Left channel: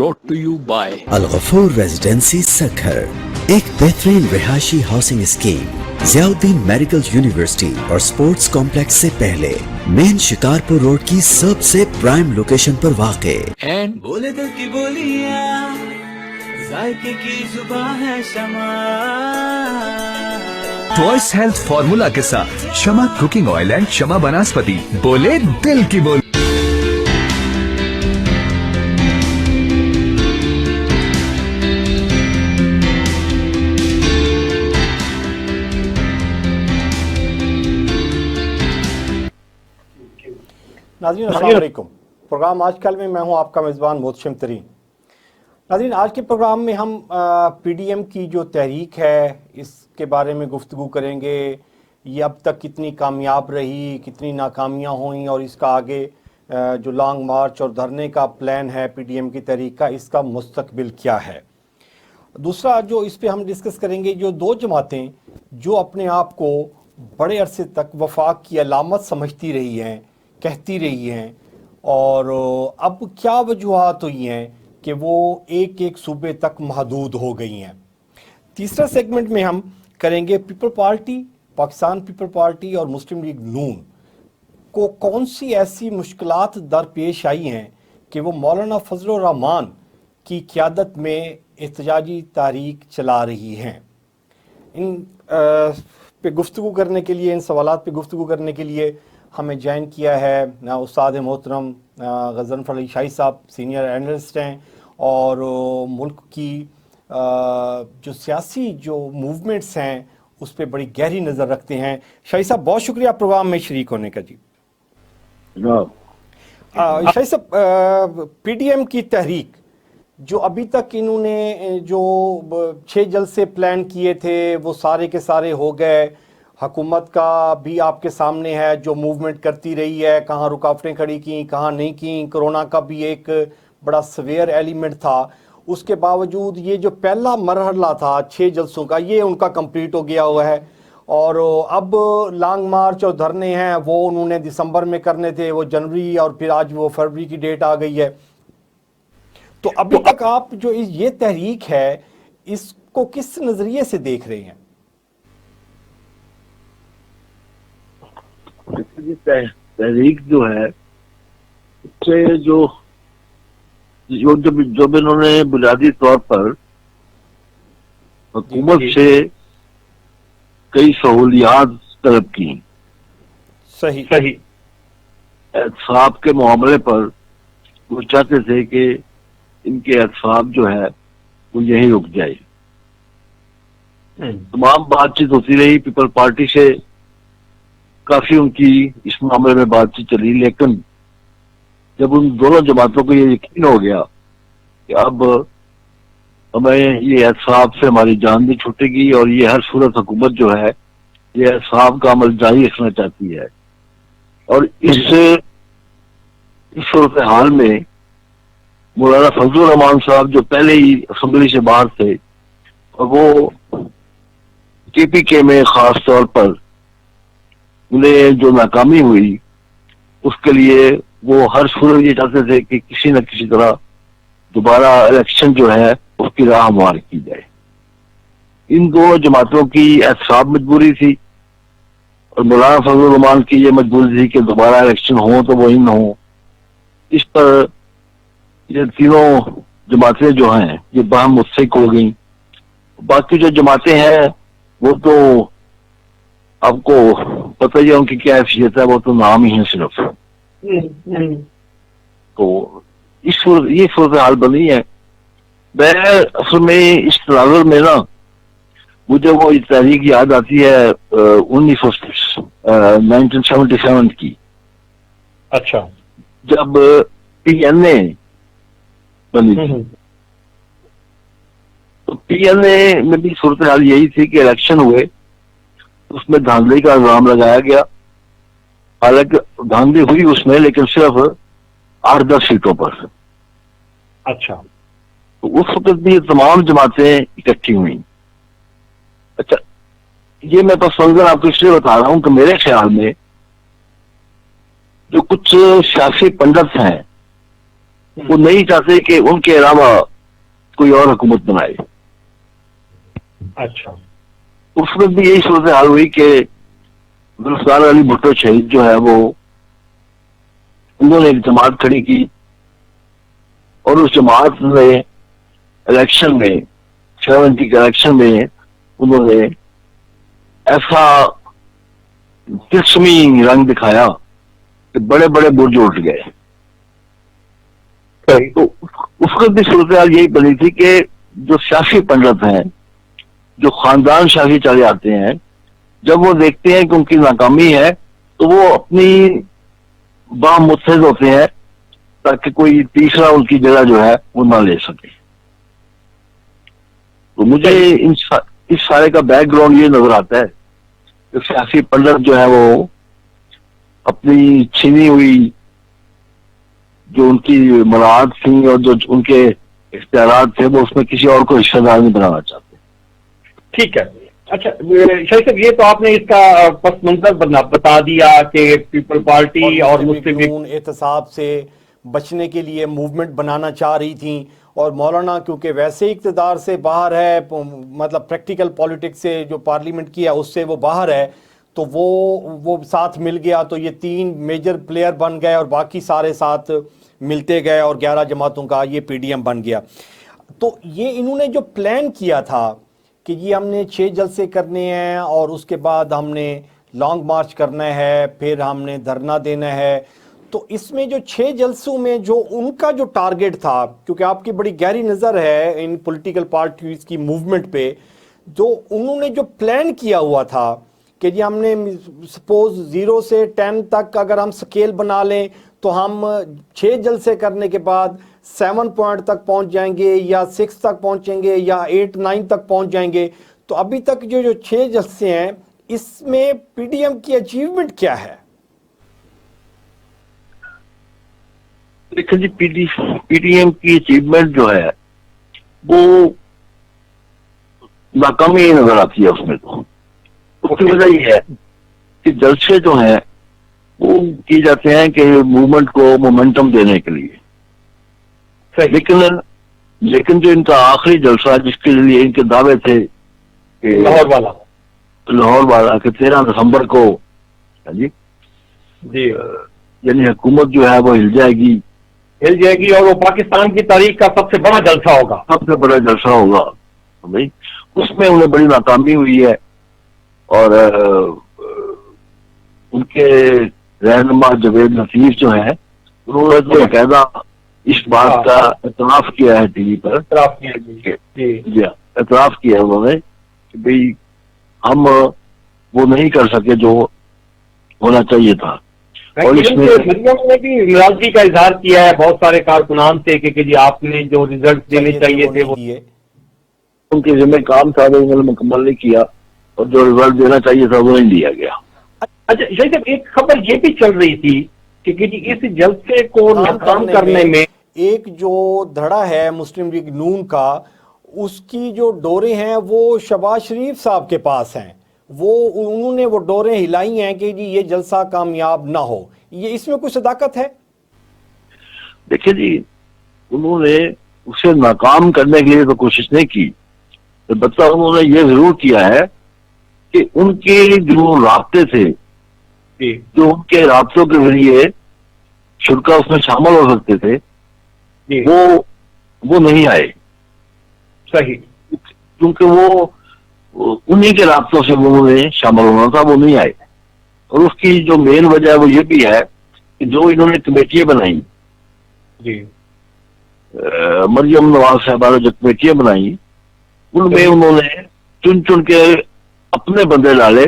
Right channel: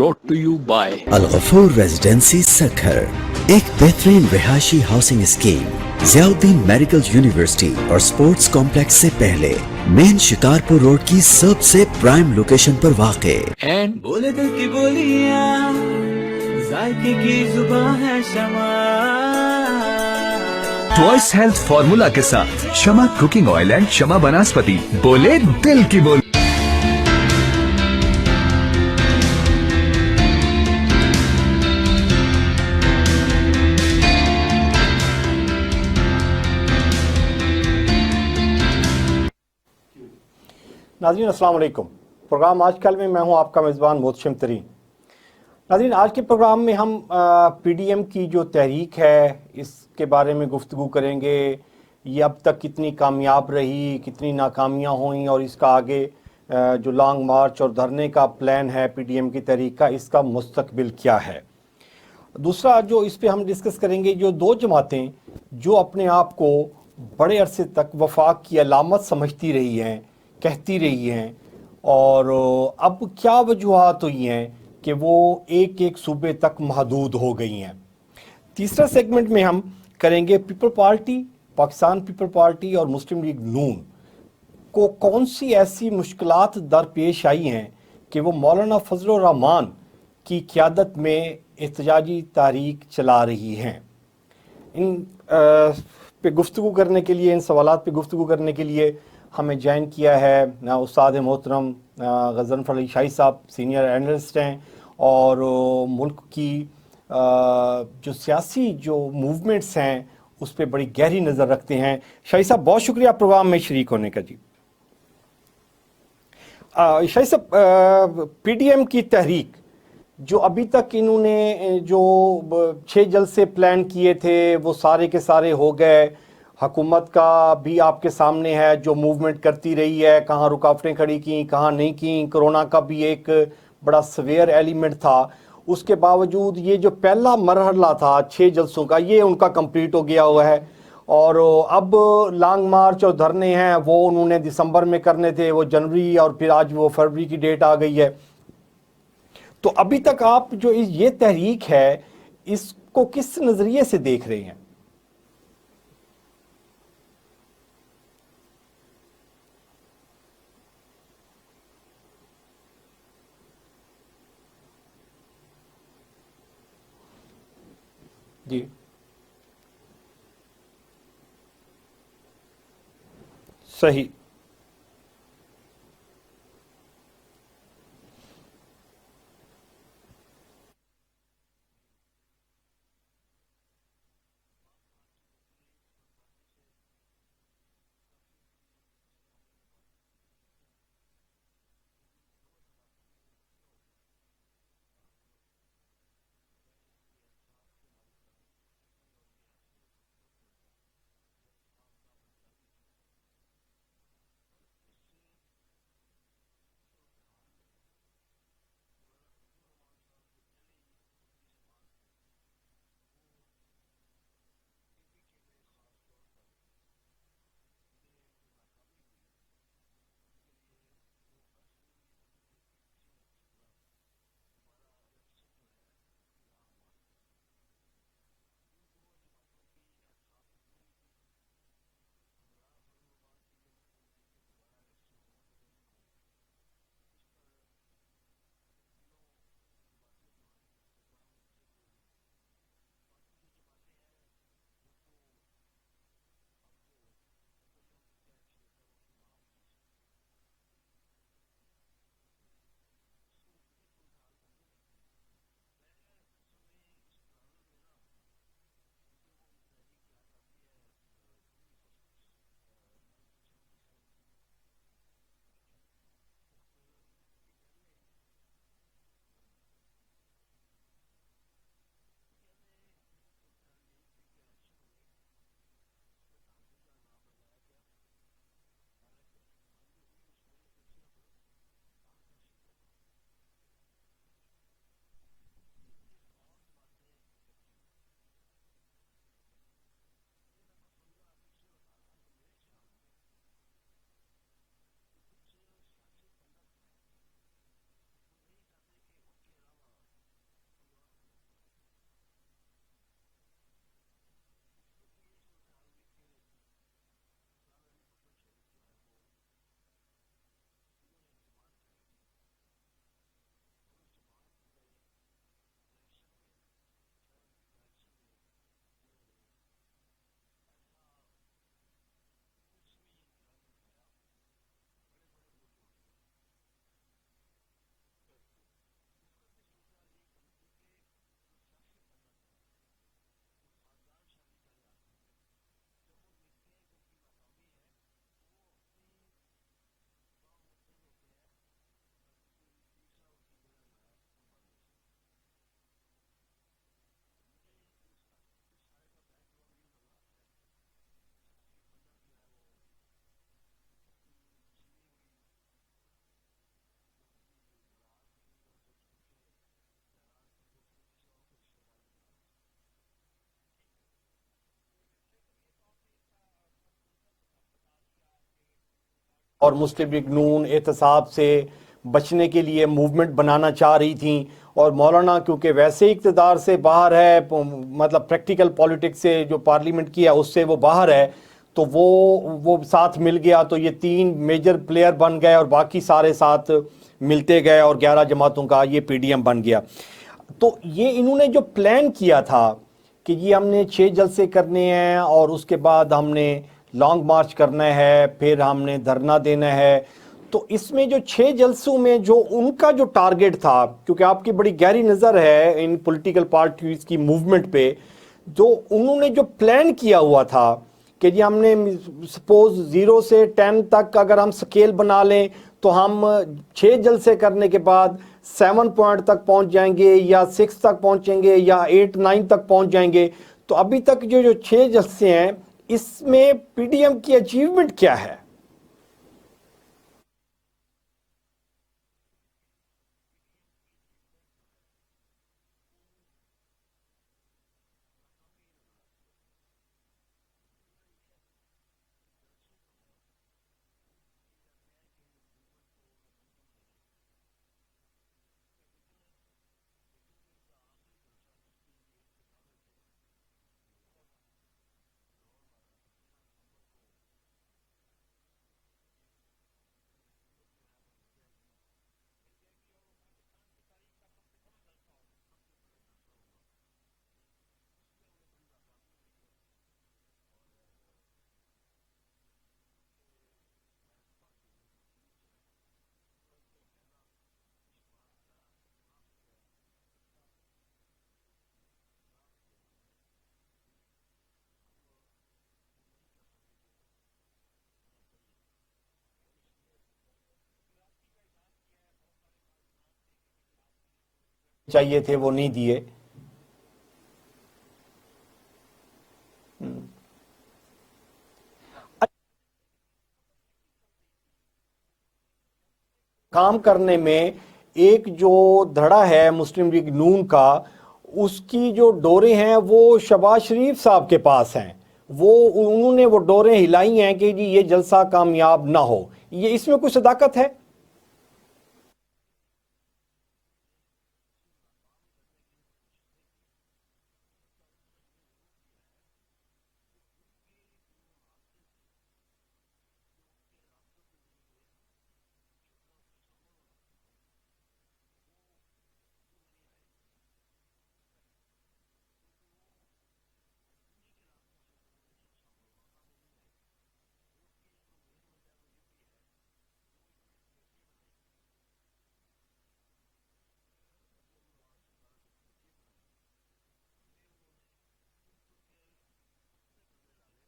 brought to you by Al Ghafoor residency Sukkur, एक बेहतरीन रिहायशी housing scheme Ziauddin medical university और स्पोर्ट्स कॉम्प्लेक्स से पहले मेन शिकारपुर रोड की सबसे प्राइम लोकेशन पर वाक़े। and बोले दिल की बोलियां, जायके की जुबान है शमा। ट्वाइस हेल्थ फार्मूला के साथ शमा कुकिंग ऑयल एंड शमा वनस्पति, बोले दिल की बोली। नाज़रीन अस्सलाम वालेकुम। प्रोग्राम आजकल में मैं हूं आपका मेज़बान मोहतशम तरीन। नाज़रीन, आज के प्रोग्राम में हम पीडीएम की जो तहरीक है इसके बारे में गुफ्तगू करेंगे। ये अब तक कितनी कामयाब रही, कितनी नाकामियां हुई और इसका आगे जो लॉन्ग मार्च और धरने का प्लान है पीडीएम की तहरीक का, इसका मुस्तकबिल क्या है। दूसरा जो इस पर हम डिस्कस करेंगे, जो दो जमातें जो अपने आप को बड़े अरसे तक वफाक की अलामत समझती रही हैं, कहती रही हैं, और अब क्या वजूहात हुई हैं कि वो एक एक सूबे तक महदूद हो गई हैं। तीसरा सेगमेंट में हम करेंगे people party, Pakistan people party और मुस्लिम लीग नून को कौन सी ऐसी मुश्किलात दरपेश आई हैं कि वो मौलाना फजलुर रहमान की क़यादत में एहतजाजी तहरीक चला रही हैं। इन पे गुफ्तगू करने के लिए, इन सवालात पे गुफ्तगू करने के लिए हमें ज्वाइन किया है उस्ताद मोहतरम गज़नफ़र अली शाही साहब, सीनियर एनालिस्ट हैं और मुल्क की जो सियासी जो मूवमेंट्स हैं उस पर बड़ी गहरी नज़र रखते हैं। शाही साहब, बहुत शुक्रिया प्रोग्राम में शरीक होने का। जी शाही साहब, पीडीएम की तहरीक जो अभी तक इन्होंने जो 6 जलसे प्लान किए थे वो सारे के सारे हो गए। हुकूमत का भी आपके सामने है जो मूवमेंट करती रही है, कहाँ रुकावटें खड़ी की, कहाँ नहीं की। कोरोना का भी एक बड़ा सवेयर एलिमेंट था। उसके बावजूद ये जो पहला मरहला था 6 जलसों का, ये उनका कंप्लीट हो गया हुआ है। और अब लॉन्ग मार्च और धरने हैं वो उन्होंने दिसंबर में करने थे, वो जनवरी और फिर आज वो फरवरी की डेट आ गई है। तो अभी तक आप जो ये तहरीक है इसको किस नज़रिए से देख रहे हैं? तहरीक जो है उससे जो जब इन्होंने बुनियादी तौर पर हुकूमत से कई सहूलियात तलब की, सही एहतसाब के मामले पर वो चाहते थे कि इनके एहतसाब जो है वो यहीं रुक जाए। तमाम बातचीत होती रही पीपल पार्टी से, काफी उनकी इस मामले में बातचीत चली, लेकिन जब उन दोनों जमातों को ये यकीन हो गया कि अब हमें ये एहतसाब से हमारी जान भी छूटेगी और ये हर सूरत हुकूमत जो है ये एहतसाब का अमल जारी रखना चाहती है, और इस सूरत हाल में मौलाना फजलुर रहमान साहब जो पहले ही असम्बली से बाहर थे और वो केपीके में खास तौर पर उन्हें जो नाकामी हुई उसके लिए वो हर सूरत ये चाहते थे कि किसी न किसी तरह दोबारा इलेक्शन जो है उसकी राह हमवार की जाए। इन दोनों जमातों की एहतसाब मजबूरी थी और मौलाना फजलुर रहमान की ये मजबूरी थी कि दोबारा इलेक्शन हो तो वही न हो। इस पर ये तीनों जमातें जो हैं ये बाहम मुत्फिक हो गई। बाकी जो जमातें हैं वो तो आपको पता ही है उनकी क्या हैसियत है, वो तो नाम ही है सिर्फ। तो ये सूरत हाल बनी है। मैं असल में इस तनाजुर में ना मुझे वो तारीख याद आती है 1977 की। अच्छा, जब पीएनए बनी थी तो पीएनए में भी सूरत हाल यही थी कि इलेक्शन हुए, उसमें धांधली का इल्जाम लगाया गया। हालांकि धांधली हुई उसमें, लेकिन सिर्फ 8-10 सीटों पर। अच्छा, तो उस वक्त भी ये तमाम जमातें इकट्ठी हुई। अच्छा, ये मैं बस मंजर आपको इसलिए बता रहा हूं कि मेरे ख्याल में जो कुछ सियासी पंडित हैं वो नहीं चाहते कि उनके अलावा कोई और हुकूमत बनाए। अच्छा, उसमें भी यही सूरत हाल हुई कि जुल्फिकार अली भुट्टो शहीद जो है वो, उन्होंने एक जमात खड़ी की और उस जमात ने इलेक्शन में 70 के इलेक्शन में उन्होंने ऐसा दिलसमी रंग दिखाया कि बड़े बड़े बुर्ज उठ गए। तो उसको भी सूरत हाल यही बनी थी कि जो सियासी पंडित हैं, जो खानदान शाही चले आते हैं, जब वो देखते हैं कि उनकी नाकामी है तो वो अपनी बाह मुत्तहद होते हैं ताकि कोई तीसरा उनकी जगह जो है वो ना ले सके। तो मुझे इस सारे का बैकग्राउंड ये नजर आता है कि सियासी पंडित जो है वो अपनी छीनी हुई जो उनकी मनाहत थी और जो उनके इख्तियारात थे वो उसमें किसी और को हिस्सेदार नहीं बनाना चाहते। ठीक है। अच्छा शाहिद साहब, ये तो आपने इसका पस मंजर बता दिया कि पीपल पार्टी और मुस्लिम लीग एहतसाब से बचने के लिए मूवमेंट बनाना चाह रही थी, और मौलाना क्योंकि वैसे ही इक़्तिदार से बाहर है, मतलब प्रैक्टिकल पॉलिटिक्स से जो पार्लियामेंट की है उससे वो बाहर है, तो वो साथ मिल गया, तो ये 3 मेजर प्लेयर बन गए और बाकी सारे साथ मिलते गए और 11 जमातों का ये पीडीएम बन गया। तो ये इन्होंने जो प्लान किया था कि ये हमने 6 जलसे करने हैं और उसके बाद हमने लॉन्ग मार्च करना है, फिर हमने धरना देना है, तो इसमें जो 6 जलसों में जो उनका जो टारगेट था, क्योंकि आपकी बड़ी गहरी नज़र है इन पॉलिटिकल पार्टीज की मूवमेंट पे, जो उन्होंने जो प्लान किया हुआ था कि जी हमने सपोज 0 से 10 तक अगर हम स्केल बना लें तो हम 6 जलसे करने के बाद 7 पॉइंट तक पहुंच जाएंगे या 6 तक पहुंचेंगे या 8-9 तक पहुंच जाएंगे। तो अभी तक जो 6 जलसे हैं इसमें पीडीएम की अचीवमेंट क्या है? देखिए जी, पीडीएम की अचीवमेंट जो है वो नाकामी नजर आती है उसमें। तो उसकी वजह ये है कि जलसे जो है वो किए जाते हैं कि मूवमेंट को मोमेंटम देने के लिए, लेकिन जो इनका आखिरी जलसा जिसके लिए इनके दावे थे कि लाहौर वाला कि 13 दिसंबर को जी यानी हुकूमत जो है वो हिल जाएगी और वो पाकिस्तान की तारीख का सबसे बड़ा जलसा होगा। तो भाई उसमें उन्हें बड़ी नाकामी हुई है और उनके रहनुमा जवेद लतीफ जो है उन्होंने तो बाकायदा इस बात का एतराफ किया है टीवी पर, एतराफ किया उन्होंने कि भाई हम वो नहीं कर सके जो होना चाहिए था। और इसमें ने भी नाराजगी का इजहार किया है बहुत सारे कारकुनान से कि जी आपने जो रिजल्ट देने चाहिए थे वो दिए, उनके जिम्मे काम था वो उन्होंने मुकम्मल नहीं किया और जो रिजल्ट देना चाहिए था वो नहीं दिया गया। अच्छा शाहिद साहब, एक खबर ये भी चल रही थी कि इस जलसे को नाकाम करने में एक जो धड़ा है मुस्लिम लीग नून का, उसकी जो डोरें हैं वो शहबाज शरीफ साहब के पास हैं, उन्होंने वो डोरें हिलाई हैं कि जी ये जलसा कामयाब ना हो। ये इसमें कोई सदाकत है? देखिए जी, उन्होंने उसे नाकाम करने के लिए तो कोशिश नहीं की, अलबत्ता उन्होंने ये जरूर किया है कि उनके जो राब्ते थे, जो उनके राब्तों के जरिए शुरा उसमें शामिल हो सकते थे, वो नहीं आए। सही, क्योंकि वो उन्हीं के राब्तों से उन्होंने शामिल होना था, वो नहीं आए। और उसकी जो मेन वजह है वो ये भी है कि जो इन्होंने कमेटियां बनाई, मरियम नवाज साहबा ने जो कमेटियां बनाई उनमें उन्होंने चुन चुन के अपने बंदे डाले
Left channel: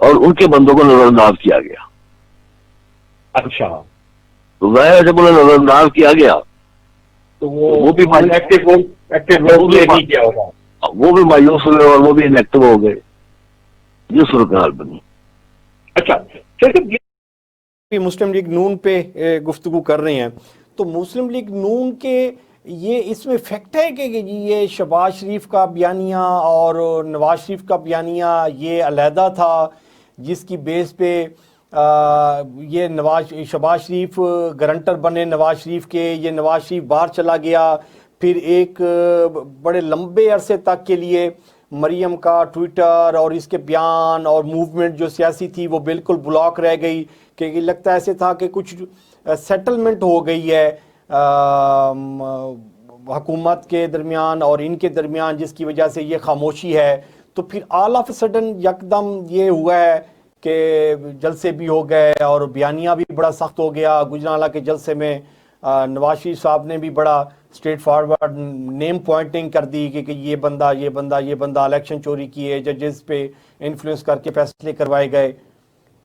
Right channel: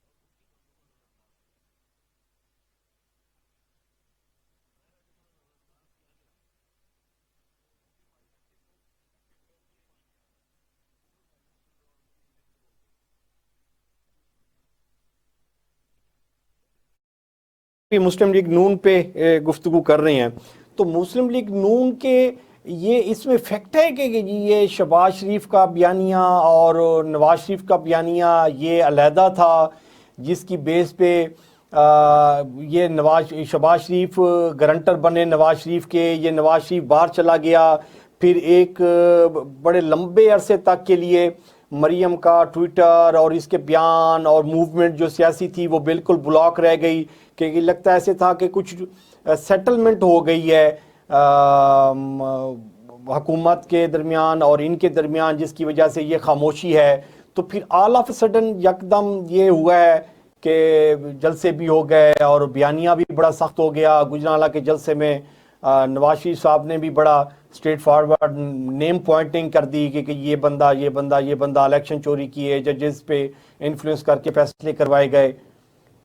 और उनके बंदों को नजरअंदाज किया गया। अच्छा, तो वह जब उन्हें नजरअंदाज किया गया तो वो भी एक्टिव रोल नहीं किया होगा, वो भी मायूस हुए और वो भी इनएक्टिव हो गए। ये सूरत हाल बनी। अच्छा, मुस्लिम लीग नून पे गुफ्तगू कर रहे हैं, तो मुस्लिम लीग नून के ये इसमें फैक्ट है कि ये शहबाज शरीफ का बयानिया और नवाज शरीफ का बयानिया ये अलहदा था, जिसकी बेस पे ये शहबाज शरीफ गारंटर बने नवाज शरीफ के, ये नवाज शरीफ बाहर चला गया, फिर एक बड़े लंबे अरसे तक के लिए मरियम का ट्विटर और इसके बयान और मूवमेंट जो सियासी थी वो बिल्कुल ब्लॉक रह गई, क्योंकि लगता ऐसे था कि कुछ सेटलमेंट हो गई है हुकूमत के दरमियान और इनके दरमियान, जिसकी वजह से ये खामोशी है। तो फिर ऑल ऑफ सडन यकदम ये हुआ है कि जलसे भी हो गए और बयानिया भी बड़ा सख्त हो गया। गुजरांवाला के जलसे में नवाज शरीफ साहब ने भी बड़ा स्ट्रेट फॉरवर्ड नेम पॉइंटिंग कर दी कि ये बंदा इलेक्शन चोरी किए, जजेस पे इन्फ्लुएंस करके फैसले करवाए गए।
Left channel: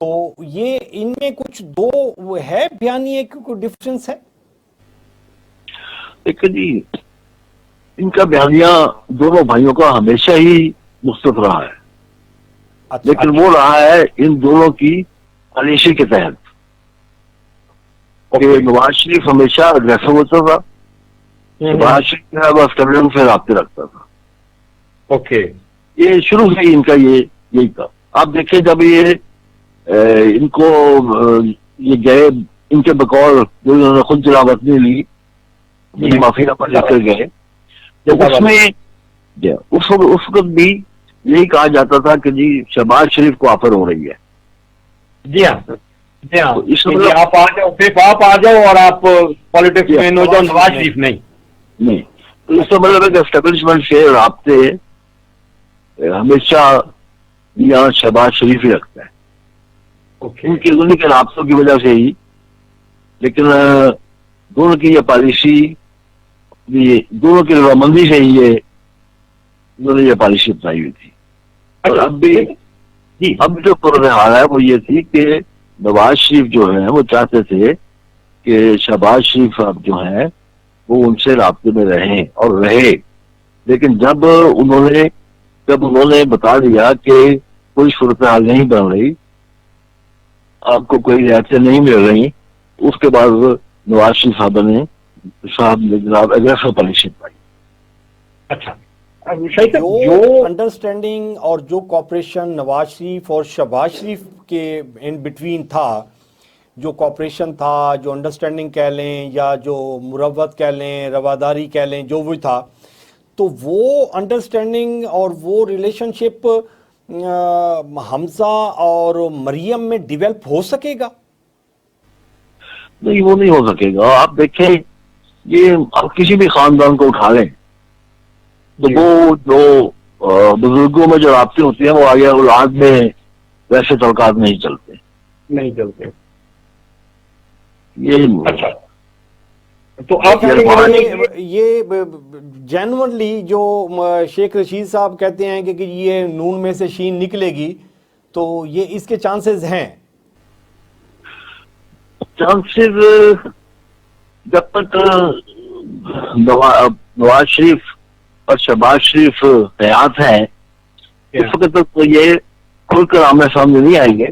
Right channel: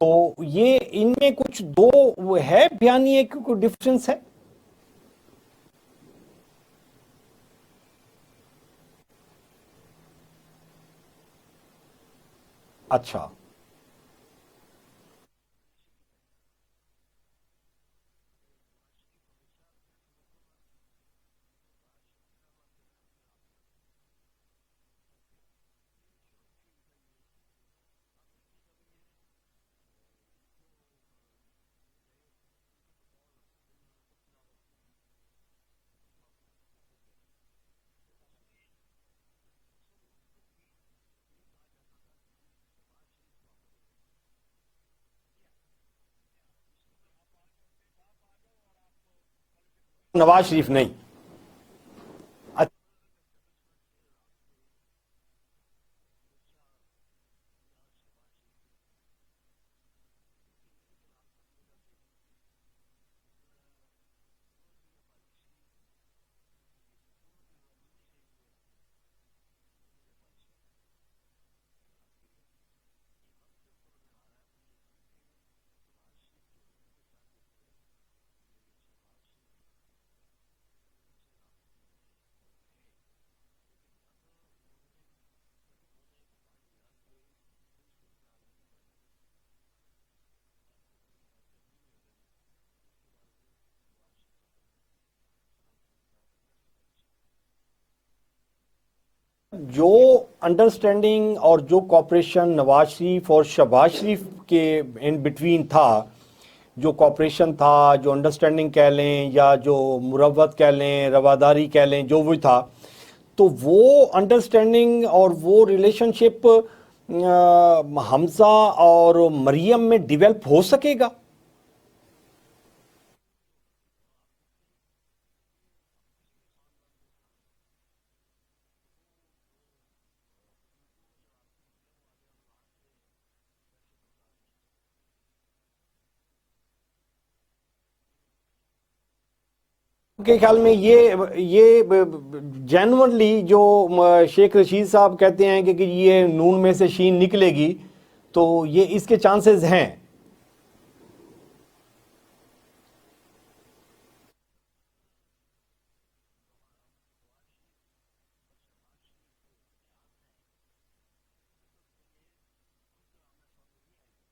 तो ये इनमें कुछ दो है बयानिए की कोई डिफरेंस है? देखिए जी, इनका बयानिया दोनों भाइयों का हमेशा ही मुख्तलिफ रहा है। अच्छा, लेकिन वो रहा है इन दोनों की पॉलिसी के तहत कि नवाज शरीफ हमेशा अग्रेसिव होता था, नवाज शरीफ जो है वो स्टेबलिज्म से राब्ते रखता था। ओके, ये शुरू से ही इनका यही था। आप देखिए जब ये इनको ये गए, इनके बकौल जो इन्होंने खुद तिलावत नहीं ली, माफी पर लेकर गए, जब उसमें उस वक्त भी यही कहा जाता था कि जी शहबाज शरीफ को ऑफर हो रही है। जी हाँ, जी हाँ, तो इस मतलब आप आ जाओ, सिर्फ आप आ जाओ और आप पॉलिटिक्स में नवाज शरीफ नहीं। तो इसका मतलब है कि एस्टेब्लिशमेंट से राब्ते हमेशा यहाँ शहबाज शरीफ ही रखता है। उन्हीं के राब्तों की वजह से ही। लेकिन दोनों की ये पॉलिसी, दोनों की रजामंदी से ही उन्होंने ये पॉलिसी अपनाई हुई थी। और अब जो सूरत हाल है वो ये थी कि नवाज शरीफ जो है वो चाहते थे कि शहबाज शरीफ साहब जो है वो उनसे राब्ते में रहें और रहे। लेकिन जब उन्होंने बता दिया कि कोई सूरत हाल नहीं बन रही, आपको कोई रियायतें नहीं मिल रही, उसके बाद नवाज शरीफ साहब ने जनाब अग्रेसिव पॉलिसी पाई। अच्छा, जो अंडरस्टैंडिंग और जो कॉपरेशन नवाज शरीफ और शहबाज शरीफ के इन बिटवीन था, जो कॉपरेशन था, जो अंडरस्टैंडिंग कह लें या जो मुरव्वत कह लें, रवादारी कह लें, जो भी था, तो वो अंडरस्टैंडिंग और वो रिलेशनशिप हमजा और मरियम में डेवलप हो सकेगा? नहीं, वो नहीं हो सकेगा। आप देखें, ये आप किसी भी खानदान को उठा लें तो वो जो बुजुर्गों में जो राब्ते होते हैं वो आगे औलाद में वैसे तलकात नहीं चलते। ये अच्छा, तो आप ये जेन्युइनली जो शेख रशीद साहब कहते हैं कि ये नून में से शीन निकलेगी, तो ये इसके चांसेस हैं? चांसेस जब तक नवाज शरीफ और शहबाज शरीफ हयात है उस वक्त तक तो ये खुलकर आमने सामने नहीं आएंगे।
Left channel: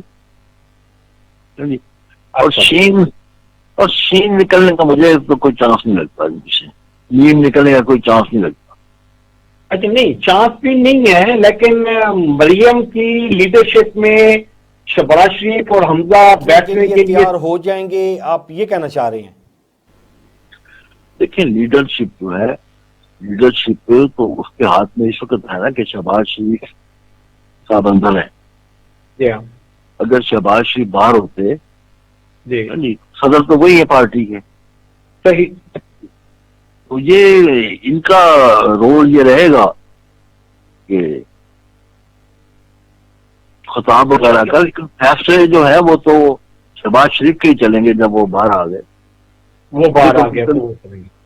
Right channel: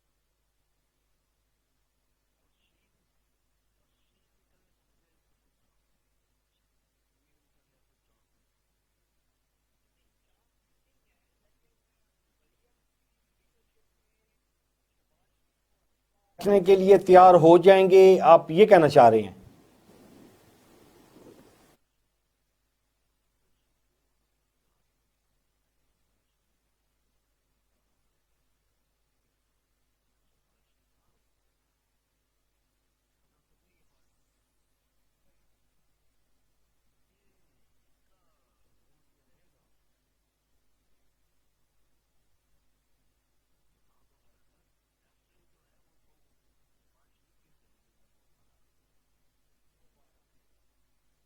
और शीन निकलने का मुझे तो कोई चांस नहीं लगता, नीम निकलने का कोई चांस नहीं लगता। अच्छा, नहीं, चांस भी नहीं है, लेकिन मरियम की लीडरशिप में शहबाज शरीफ और हमजा बैठने के लिए तैयार हो जाएंगे, आप ये कहना चाह रहे हैं? देखिए, लीडरशिप जो है, लीडरशिप तो उसके हाथ में इस वक्त है ना कि शहबाज शरीफ साहब अंदर है। अगर शहबाज शरीफ बाहर होते, सदर तो वही है पार्टी के, सही, तो ये इनका रोल ये रहेगा कि खिताब वगैरह का, लेकिन फैसले जो है वो तो शहबाज शरीफ के ही चलेंगे जब वो बाहर आ गए। वो बाहर आ गया,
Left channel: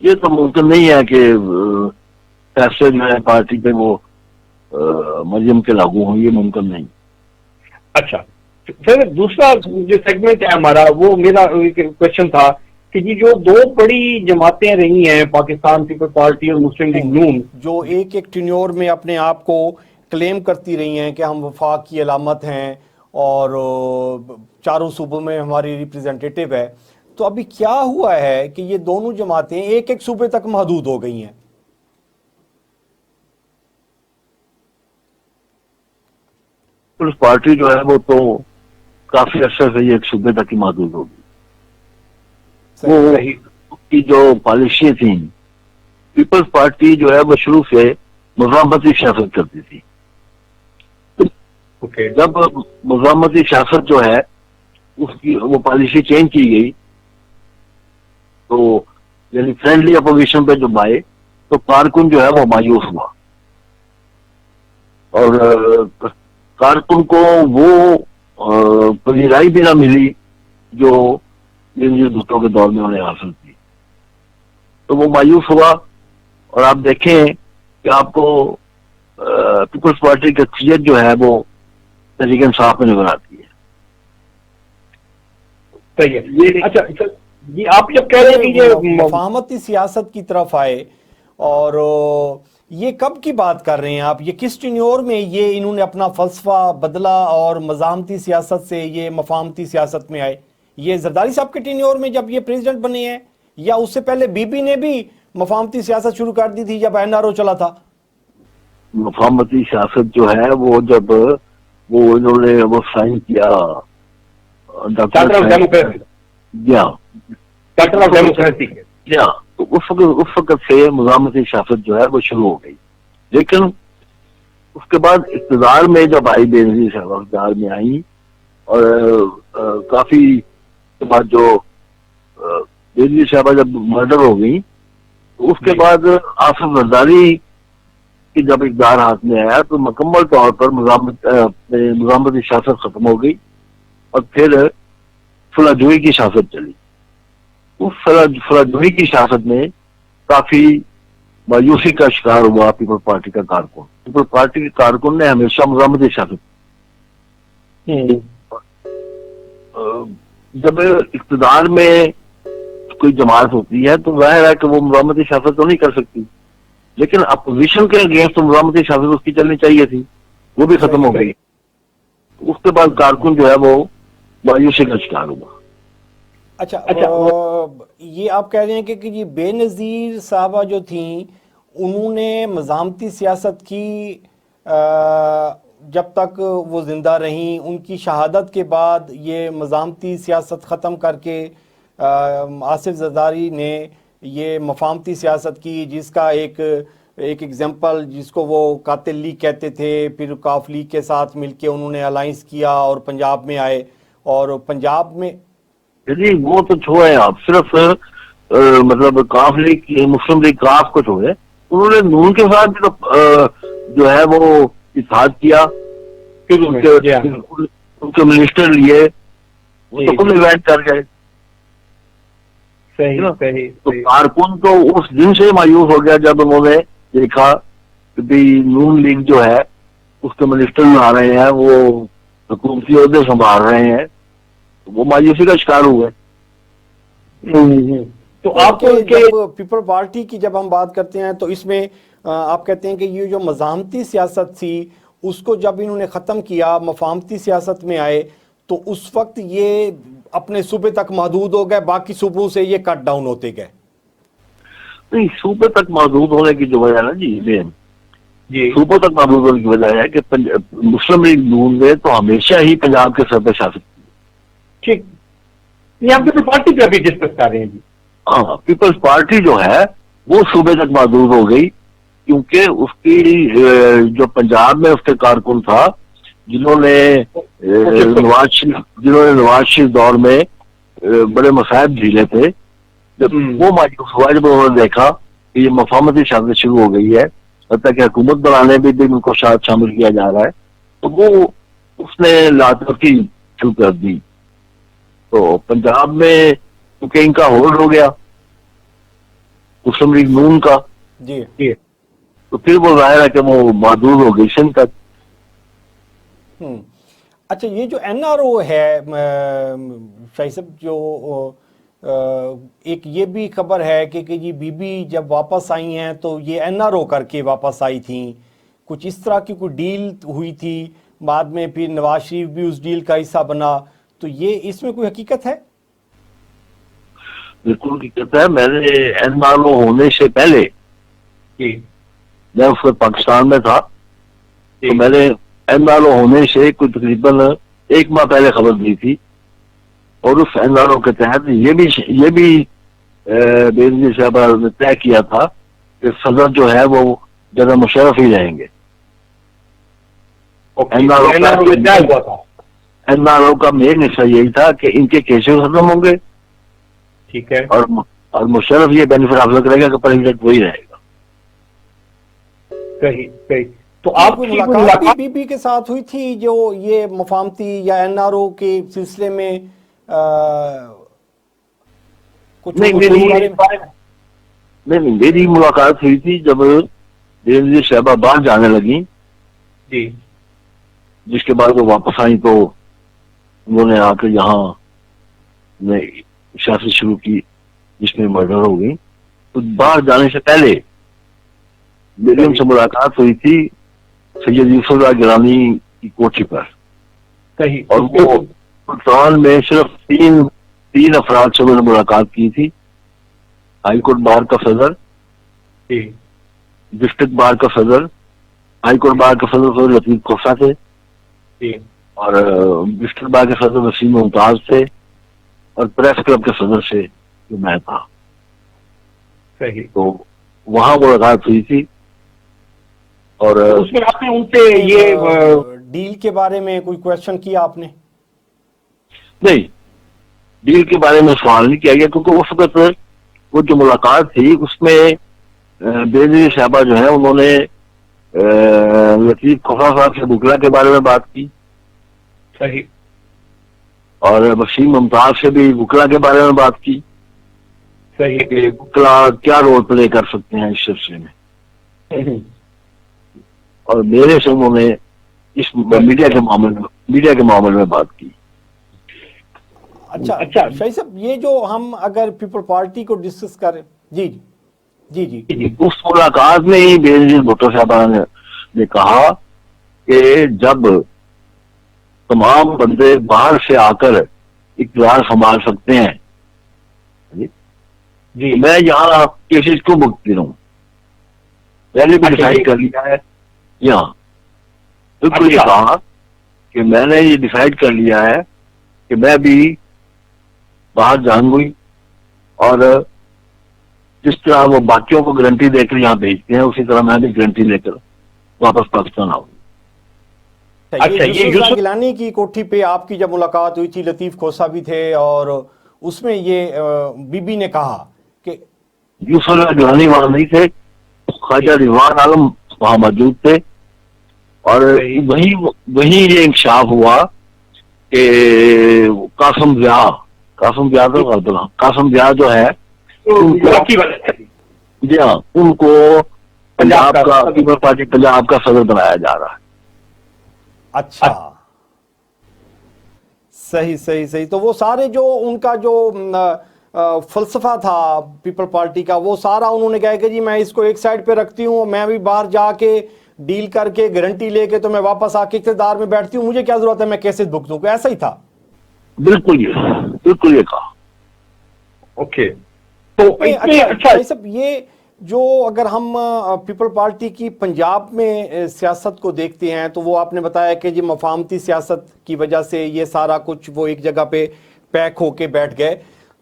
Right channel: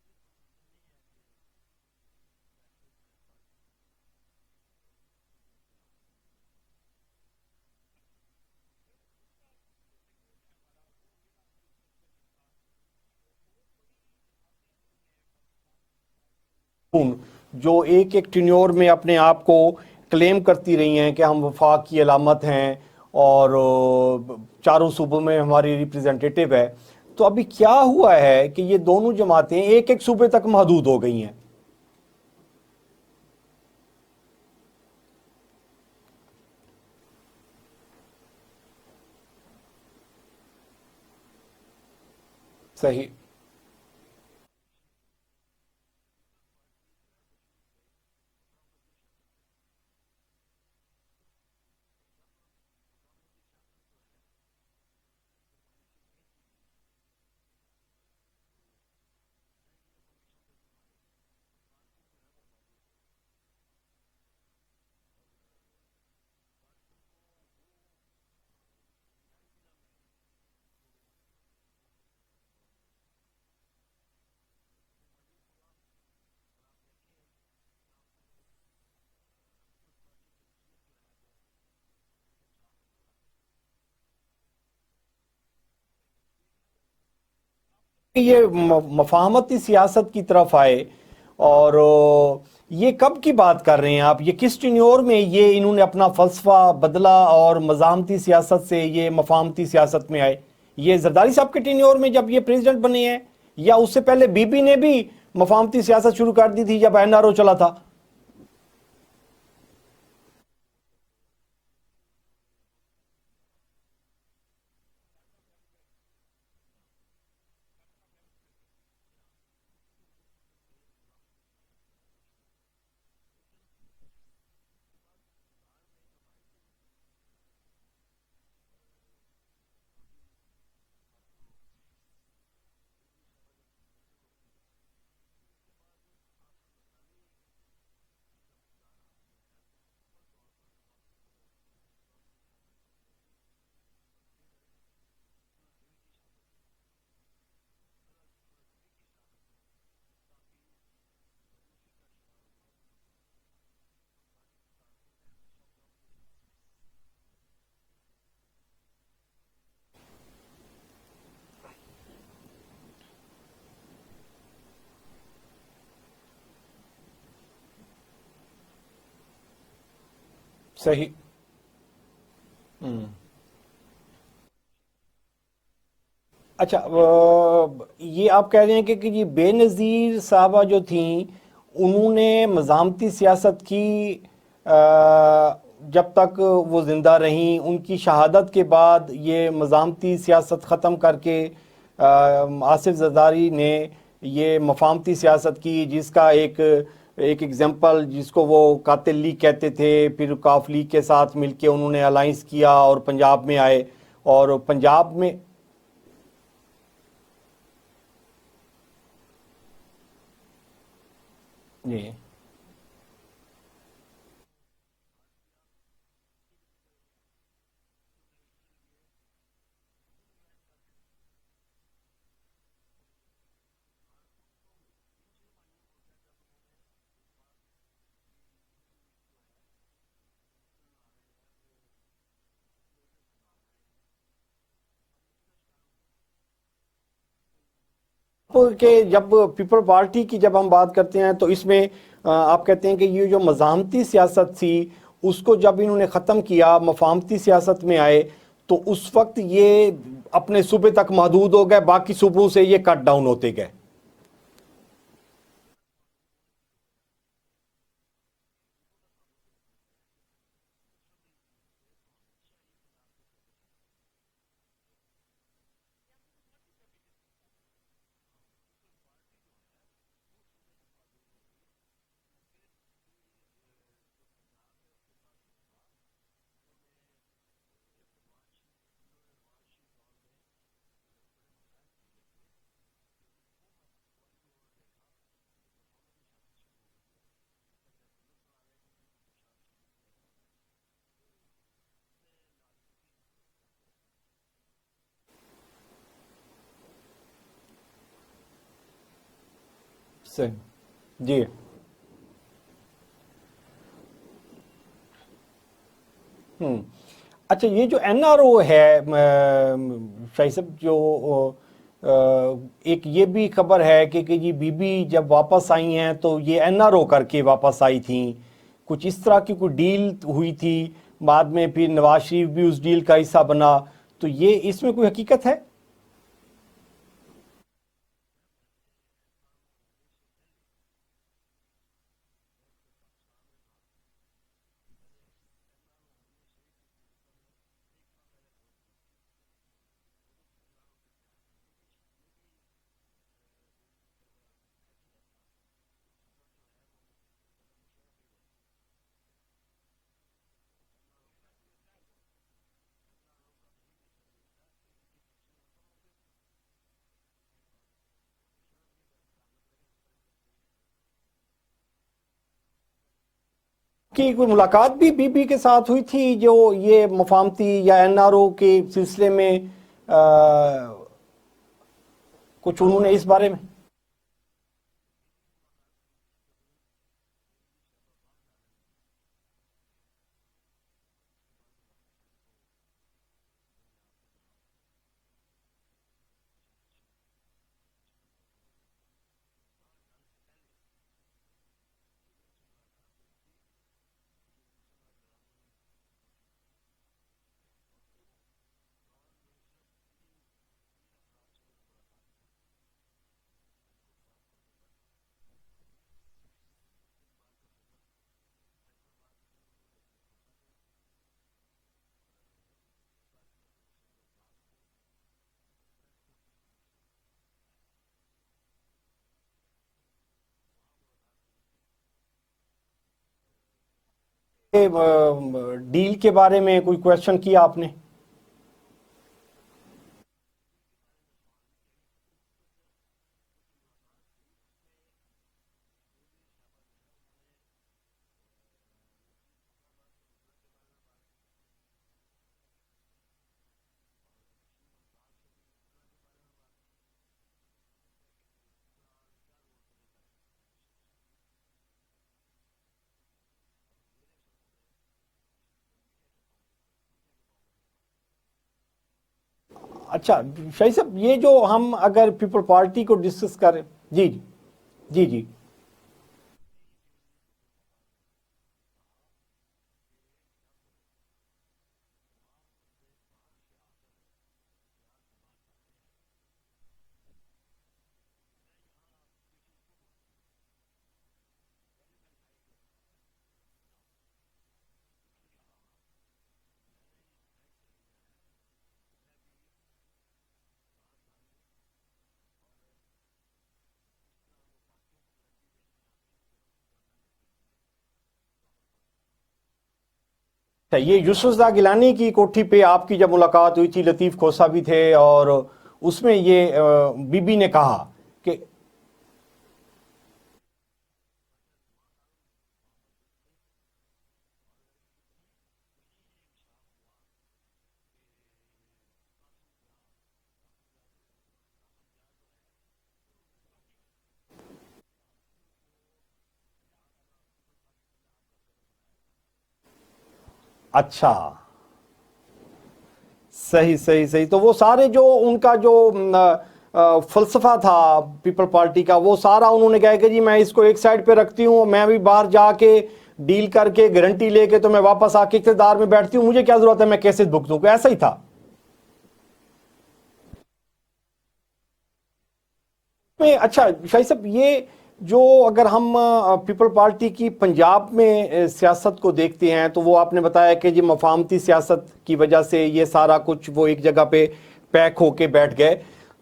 ये तो मुमकिन नहीं है कि फैसले जो है पार्टी पे वो मरियम के लागू हों, ये मुमकिन नहीं। अच्छा, फिर दूसरा जो सेगमेंट है हमारा, वो मेरा क्वेश्चन था कि जी जो दो बड़ी जमातें रही हैं, पाकिस्तान पीपल्स पार्टी और मुस्लिम लीग नून, जो एक टेन्योर में अपने आप को क्लेम करती रही हैं कि हम वफाक की अलामत हैं और चारों सूबों में हमारी रिप्रेजेंटेटिव है, तो अभी क्या हुआ है कि ये दोनों जमातें एक एक सूबे तक महदूद हो गई हैं? पीपल्स पार्टी जो है वो तो काफी अरसे से ये एक सूबे तक ही महदूद होगी। सही। वो की जो पॉलिसी थी, पीपल्स पार्टी जो है वो शुरू से मज़ामती सियासत करती थी। ओके। जब मज़ामती सियासत जो है उसकी वो पॉलिसी चेंज की गई, तो यानी फ्रेंडली अपोजिशन पे जब आए तो कारकुन जो है वो मायूस हुआ, और कारकुन को वो पजीराई भी ना मिली जो दूतों के दौर में उन्हें हासिल थी, तो वो मायूस हुआ। और आप देखें कि आपको पीपल्स पार्टी की अक्सरियत जो है वो तहरीक इंसाफ में नजर आती है। सही है। ये अच्छा सर, ये आप जब कह रहे हैं कि ये मफाहमती सियासत की तरफ आए, और ये कब की बात कर रहे हैं आप? ये किस टेन्योर में ये इन्होंने अपना फलसफा बदला और मज़ामती सियासत से ये मफाहमती सियासत में आए? ये जरदारी साहब के टेन्योर में जब ये प्रेसिडेंट बने हैं, या उससे पहले बीबी ने भी मफाहमती सियासत शुरू कर दी थी जब एनआरओ चला था? मफाहमती सियासत जो है वो जब वो इन्होंने वो साइन किया charter of democracy, charter of democracy, तो उस वक्त से मज़ामती सियासत जो है वो शुरू हो गई। लेकिन उसके बाद इक़्तिदार में जब आई बेनज़ीर साहबा इक़्तिदार में आई, और काफी के बाद जो बेनज़ीर साहबा जब मर्डर हो गई, तो उसके बाद आसिफ जरदारी की जब इक़्तिदार हाथ में आया तो मुकम्मल तौर पर मज़ामती सियासत खत्म हो गई, और फिर फलाजोई की सियासत चली। उस फलाजोई की सियासत में काफी मायूसी का शिकार हुआ पीपल्स पार्टी का कारकुन। पीपल्स पार्टी के कारकुन ने हमेशा मज़ामती सियासत, जब इक़्तिदार में कोई जमात होती है तो जाहिर है कि वो मज़ामती सियासत तो नहीं कर सकती, लेकिन अपोजिशन के अगेंस्ट तो मज़ामती सियासत उसकी चलनी चाहिए थी, वो भी खत्म हो गई। उसके बाद कारकुन जो है वो मायूसी का शिकार हुआ। अच्छा, ये आप कह रहे हैं कि ये बेनज़ीर साहबा जो थी उन्होंने मज़ामती सियासत की जब तक वो ज़िंदा रहीं, उनकी शहादत के बाद ये मज़ामती सियासत ख़त्म करके आसिफ जरदारी ने ये मफाहमती सियासत की, जिसका एक एग्जाम्पल जिसको वो कातिल लीग कहते थे, फिर काफ लीग के साथ मिलके उन्होंने अलाइंस किया और पंजाब में आए, और पंजाब में जी वो तो छोड़े आप, सिर्फ मतलब काफ लीग, मुस्लिम लीग काफ को छोड़े, उन्होंने नून के साथ भी तो जो है वो इत्तेहाद किया, फिर उनके मिनिस्टर लिए, वो तो कुल इवेंट कर गए। सही सही। तो कारकुन तो उस दिन से मायूस हो गया जब उन्होंने देखा कि भाई नून लीग जो है उसके मिनिस्टर आ रहे हैं, वो हुकूमती ओहदे संभाल रहे हैं, तो वो मायूसी का शिकार हुए। तो आपके जब पीपल पार्टी की जब हम बात करते हैं तो इसमें आप कहते हैं कि ये जो मज़ामती सियासत थी उसको जब इन्होंने ख़त्म किया, मफाहमती सियासत में आए, तो उस वक्त ये अपने सूबे तक महदूद हो गए, बाकी सूबों से ये कट डाउन होते गए? नहीं, सूबे तक महदूद होने की जो वजह है ना जी, सूबों तक महदूद होने की वजह है कि मुस्लिम लीग नून ने तो हमेशा ही पंजाब के सर पर शासित की। ठीक, ये आप पीपल्स पार्टी पे अभी डिस्कस कर रहे हैं जी। हाँ, पीपल्स पार्टी जो है वो सूबे तक महदूद हो गई, क्योंकि उसकी जो पंजाब में उसके कारकुन था जिन्होंने नवाज शरीफ दौर में बड़े मसाइब झेले थे, जब वो मायूस हुआ जब उन्होंने देखा कि ये मफाहमती सियासत शुरू हो गई है, हत्ता कि हुकूमत बनाने में भी उनको शामिल किया जा रहा है, तो वो उसने लातरकी शुरू कर दी। तो पंजाब में क्योंकि इनका होल्ड हो गया मुस्लिम लीग नून का जी, तो फिर वो जाहिर है कि वो महदूद हो गई सिंध तक। अच्छा, ये जो एनआरओ है शाही साहब, जो एक ये भी खबर है कि जी बीबी जब वापस आई हैं तो ये एनआरओ करके वापस आई थी, कुछ इस तरह की कोई डील हुई थी, बाद में फिर नवाज शरीफ भी उस डील का हिस्सा बना, तो ये इसमें कोई हकीकत है? बिल्कुल हकीकत है। मैंने एनआरओ होने से पहले मैं उस वक्त पाकिस्तान में था, तो मैंने एनआरओ होने से कोई तकरीबन एक माह पहले खबर दी थी, और उस एनआरओ के तहत ये भी बेनजीर साहबा ने तय किया था कि सदर जो है वो जनरल मुशर्रफ ही रहेंगे। एनआरओ का मेन हिस्सा यही था कि इनके केसेस खत्म होंगे, ठीक है, और मुशर्रफ ये बेनिफिट हासिल करेगा कि प्रेसिडेंट वही रहेगा। सही सही। तो आपकी आपकी मुलाकात भी बीबी के साथ हुई थी जो ये मुफाहमती या एनआरओ के सिलसिले में कुछ नहीं, इस बारे में? नहीं, मेरी मुलाकात हुई थी जब बेनजीर साहबा बाहर जाने लगी जी, जिसके बाद वो वापस आई तो उन्होंने आकर यहाँ सियासत शुरू की जिसमें मर्डर हो गई। तो बाहर जाने से पहले मेरी उनसे मुलाकात हुई थी सैयद यूसुफ गिलानी की कोठी पर, सही। और वो सुल्तान में सिर्फ तीन अफराद से उन्होंने मुलाकात की थी। हाई कोर्ट बार का सदर, जी, डिस्ट्रिक्ट बार का सदर, हाई कोर्ट बार का सदर तो लतीफ खोसा थे, जी, और डिस्ट्रिक्ट बार के सदर वसीम मुमताज थे, और प्रेस क्लब के सदर से जो मैं था। सही। तो वहां मुलाकात हुई थी, और उसमें आपने उनसे ये डील के बारे में कोई क्वेश्चन किया आपने? नहीं, डील के बारे में सवाल नहीं किया गया, क्योंकि उस वक्त वो जो मुलाकात थी उसमें बेनजीर साहबा जो है उन्होंने लतीफ खोसा साहब से बुकला के बारे में बात की, सही, और वसीम मुमताज से भी बुकला के बारे में बात की सही, कि बुकला क्या रोल प्ले कर सकते हैं इस सिलसिले में। और मेरे से उन्होंने इस मीडिया के मामले में बात की। अच्छा, शाही साहब, ये जो हम अगर पीपल पार्टी को डिस्कस करें, जी जी जी जी, उस मुलाकात में ही बेनजीर भुट्टो साहब ने कहा कि जब तमाम बंदे बाहर से आकर इक़्तिदार संभाल सकते हैं जी, मैं यहाँ केसेस क्यों भुगती रहूं? पहले भी डिसाइड कर लिया है यहाँ, बिल्कुल ये कहा कि मैंने ये डिसाइड कर लिया है कि मैं भी बाहर जाऊंगी, और जिस तरह वो बाकियों को गारंटी देकर यहाँ भेजते हैं उसी तरह मैं भी गारंटी लेकर वापस पाकिस्तान आऊंगी। ये यूसुफ गिलानी की कोठी पे आपकी जब मुलाकात हुई थी, लतीफ खोसा भी थे, और उसमें ये बीबी ने कहा कि यूसुफ गिलानी वहां नहीं थे, ख्वाजा रिजवान आलम वहां मौजूद थे, और वही ये इंकशाफ हुआ कि कासिम ज़िया जो है जी हाँ, उनको पंजाब का पीपल पार्टी पंजाब का सदर बनाया जा रहा है। अच्छा, सही सही सही। तो वो सारे जो उनका जो फलसफा था पीपल पार्टी का, वो सारा उन्होंने कहा कि जी मैं इसको एक साइड पे रखती हूँ, मैं भी बाहर जाके डील करके गारंटी लेके तो मैं वापस आके इक़्तिदार में बैठती हूँ, मुझे क्या जरूरत है मैं केसेस भुगतूं? ऐसा ही था? बिल्कुल ये कहा। ओके, तो अच्छा सब, ये जो अगर हम पीपल पार्टी की पंजाब में सियासत को देखते हैं तो वो आपने बताया कि जी मफाहमती सियासत की वजह से ये सारा कुछ वो एक जगह पे पैक होके बैठ गए।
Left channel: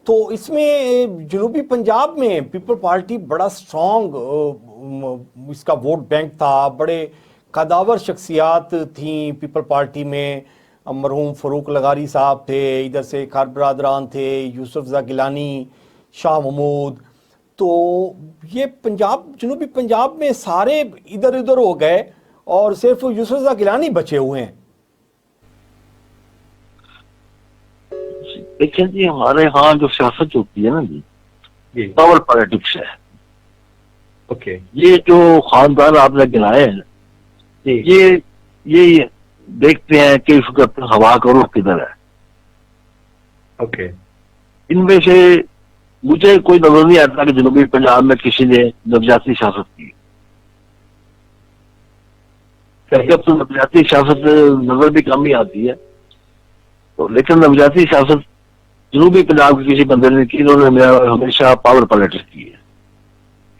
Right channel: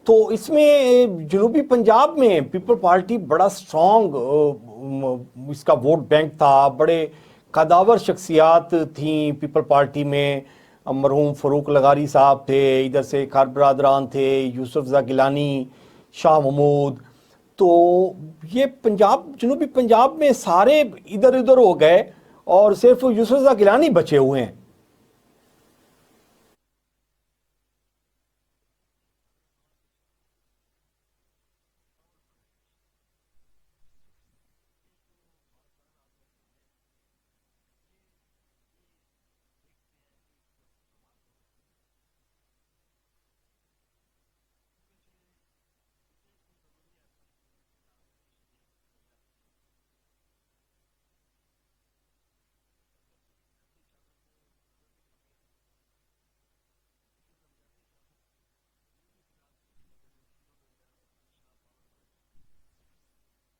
तो इसमें जनूबी पंजाब में पीपल पार्टी बड़ा स्ट्रॉन्ग इसका वोट बैंक था, बड़े कदावर शख्सियात थी पीपल पार्टी में। मरहूम फ़रूक लगारी साहब थे, इधर से खार बरदरान थे, यूसुफ गिलानी, शाह महमूद। तो ये पंजाब, जनूबी पंजाब में सारे इधर उधर हो गए और सिर्फ यूसुफ गिलानी बचे हुए हैं। देखिए जी, हमारे यहाँ जो सियासत होती है ना जी, पावर पॉलिटिक्स है। ओके, ये जो खानदान आपने गिनाए हैं, ये देखते हैं कि इस वक्त हवा का रुख किधर है। ओके, इनमें से मुझे कोई नजर नहीं आता कि जनूबी पंजाब में किसी ने नवजाती सियासत की। जब तो नवजाती सियासत नजर भी कम ही आती है, तो लेकिन नवजाती सियासत जनूबी पंजाब के किसी बंदे ने की, उन्होंने हमेशा पावर पॉलिटिक्स की है।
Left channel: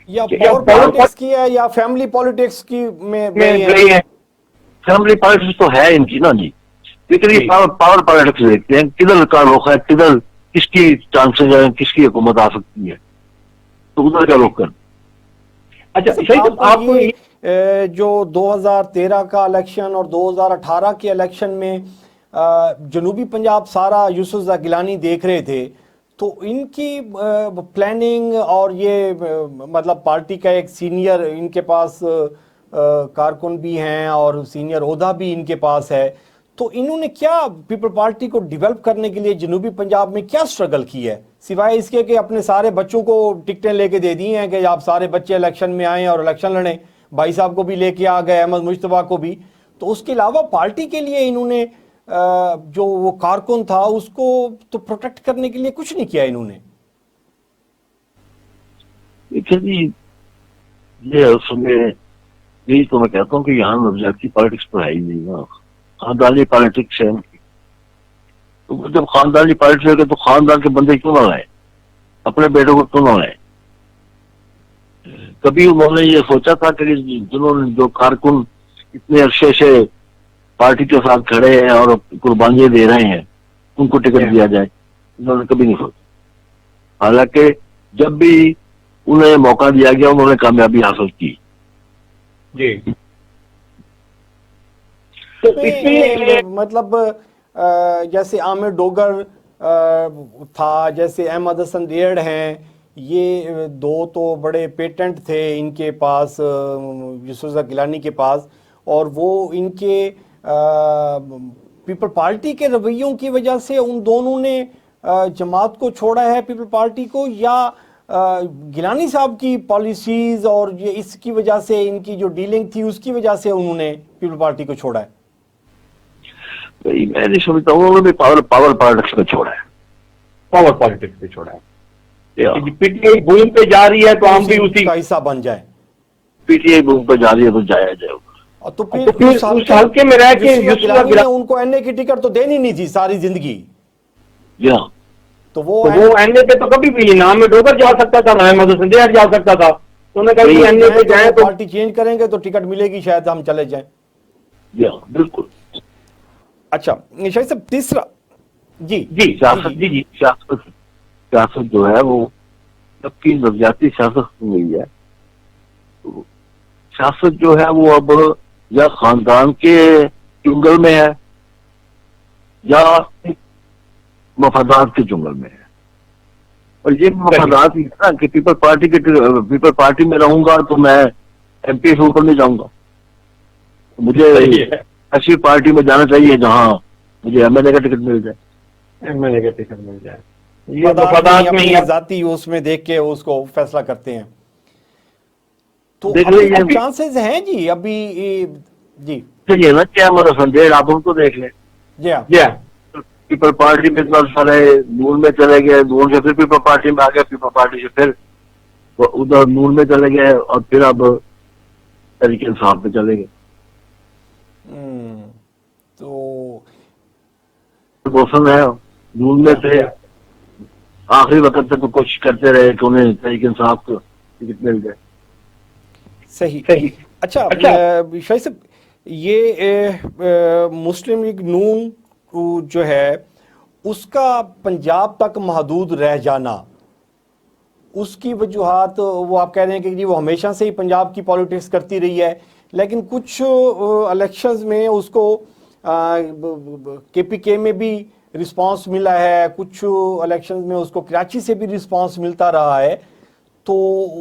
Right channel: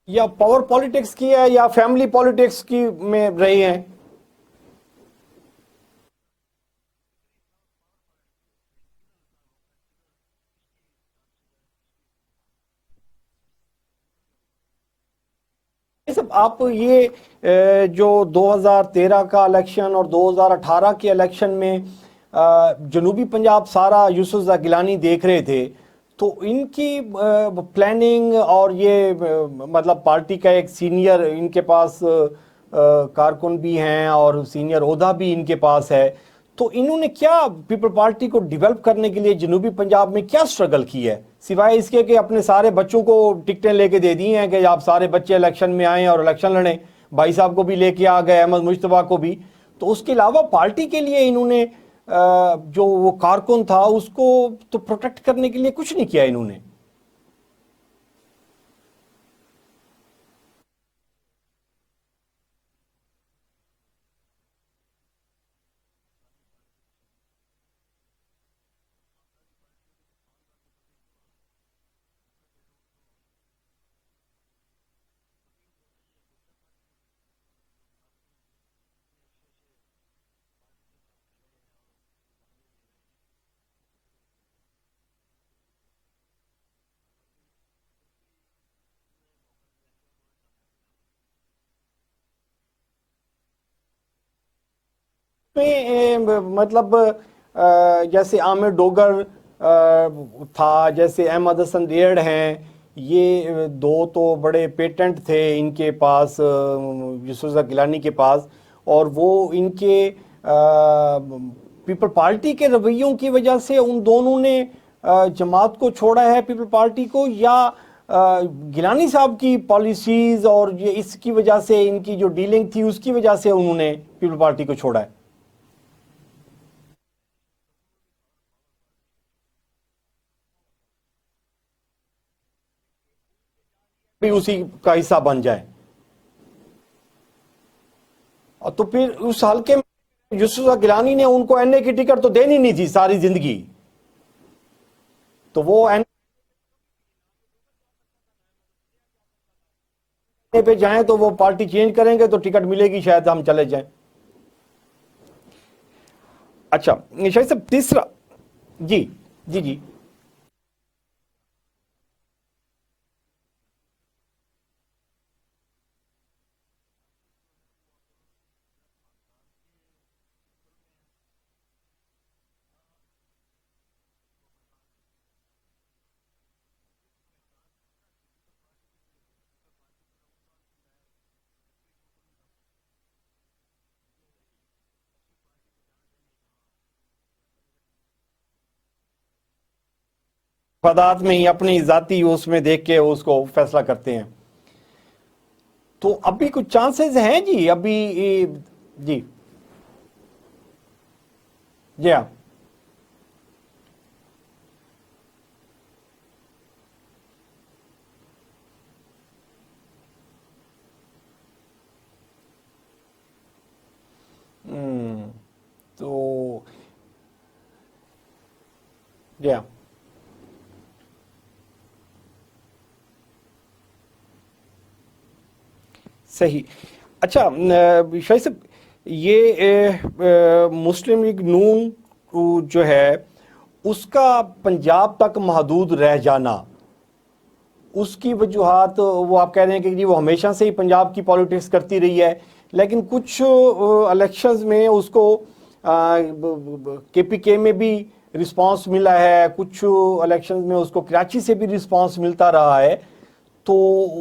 या पावर पॉलिटिक्स की है या फैमिली पॉलिटिक्स की में है? फैमिली पॉलिटिक्स तो है इनकी ना जी, लेकिन ये पावर पॉलिटिक्स देखते हैं, किधर का रुख है, किधर किसकी चांसेस है, किसकी हुकूमत आ सकती है, तो उधर का रुख कर। अच्छा, आपको ये जो 2013 का इलेक्शन और 2018 के इलेक्शन में जनूबी पंजाब सारा यूसुफ गिलानी देख रहे थे, तो इनकी प्लानिंग और ये मतलब पार्टी का एक सीनियर इनके पास कारकुन भी हैं और सीनियर ओहदा भी इनके पास है, तो इन्होंने क्या पीपल पार्टी को डेवलप करने के लिए जनूबी पंजाब में क्या स्ट्रगल की है, सिवाय इसके कि अपने सारे बच्चों को टिकटें लेके दे दी हैं कि आप सारे बच्चे इलेक्शन में आए और इलेक्शन लड़ें, भाई साहब को भी लेके आ गए, अहमद मुश्तबा को भी। तो उसके अलावा पार्टी के लिए इन्होंने जो वो कारकुन था उसको तो प्रोटेक्ट करने के लिए कुछ नहीं किया इन्होंने। ये उसमें यही तो मैं कहता हूँ कि यहाँ नवजाती पॉलिटिक्स पढ़ाई नहीं ना, खानदानी पॉलिटिक्स है उनकी। तो जब खानदानी पॉलिटिक्स है तो खानदान के बंदे क्यों ना लाए, अपने बेटों को क्यों ना लाए? कभी उन्होंने ये सोचा था कि जिन्होंने जो कारकुन इतने अरसे से पार्टी के साथ खड़े हैं और कुर्बानियां दे रहे हैं उनको टिकट दिया जाए? उन्होंने कभी नहीं सोचा। हालांकि जब भी उन्हें मौका दिया गया उन्होंने कामयाबी हासिल की। जी, तो मतलब जैसे आमिर डोगर था, जैसे अहमद हसन रेड हैं, ये दो तो बड़े पेटेंट थे इनके पास यूसुफ गिलानी के पास, और वो इनके पीपल पार्टी के रवैयों की वजह से उन दोनों ने जमात को छोड़ा है पीपल पार्टी को, या गिलानी साहब की पॉलिसीज और ये इसकी वजह से इनकी जो डीलिंग थी उसकी वजह से उन्होंने पीपल पार्टी को छोड़ा है? मैं नहीं समझता, उन्होंने भी पावर पॉलिटिक्स में छोड़ा है, पावर पॉलिटिक्स पे छोड़ा है। पीटीआई बूम पे जा रही है तो हम भी उसी का हिस्सा बन जाए। पीटीआई बूम पे जा रही है तो जाया जाएगा। और तो फिर उस हल्के में रह के गिलानी ने उनको एनए की टिकट तो देनी नहीं थी सारी जिंदगी। तो वो एनए पे तो कभी भी नहीं, नाम में डोगर जा सकता था, अहमद हसन रेड जा सकता था, तो उन्होंने कहा एनए पे जाए तो पार्टी चेंज करेंगे तो टिकट मिलेगी, शायद हम चले जाएं। बिल्कुल। अच्छा शायद साहब तीसरा जी सियासत जो है वो सबकी नवजाती सियासत हो गई है। तो सियासत जो है वो अब या खानदान के चुंगल में है या मफादात के चुंगल में है। और ये मफादात ही है ना कि पीपल पार्टी में रहूंगा तो मैं एमपी से ऊपर नहीं जाऊंगा, तो मुझे ऐसी पार्टी में जाना चाहिए जहां मुझे एमएलए का टिकट मिल जाए। एमएलए का टिकट मिल जाए, अपनी जाति उसमें देख के उसको फैसला करते हैं। तो अभी चांसेस हैं जी अभी जी ये ना क्या हमारा संदेश, आप उनको देख लें। जी हाँ, पीपल पार्टी में इतना सारे नून में चले गए, नून से फिर पीपल पार्टी में आ गए, पीपल पार्टी से फिर उधर नून में चले गए और फिर अब तरीके इंसाफ में चले गए। तो मौसम है नून में से आखिरी वक्त तक कोशिश करते रहे कि उन्हें तरीके इंसाफ को टिकट मिल जाए। सही। अच्छा शायद साहब ये मुस्लिम लीग नून जो है उसका पंजाब तक महदूद रह जाना, उसकी वजूहात वो आप कह रहे हैं कि जी वो हमेशा से ही पंजाब की पॉलिटिक्स करती रही है, लेकिन कुछ इलेक्शंस में उसको केपीके में भी रिस्पांस मिला है, कुछ इलेक्शंस में उसको कराची से भी रिस्पांस मिलता रहा है, तो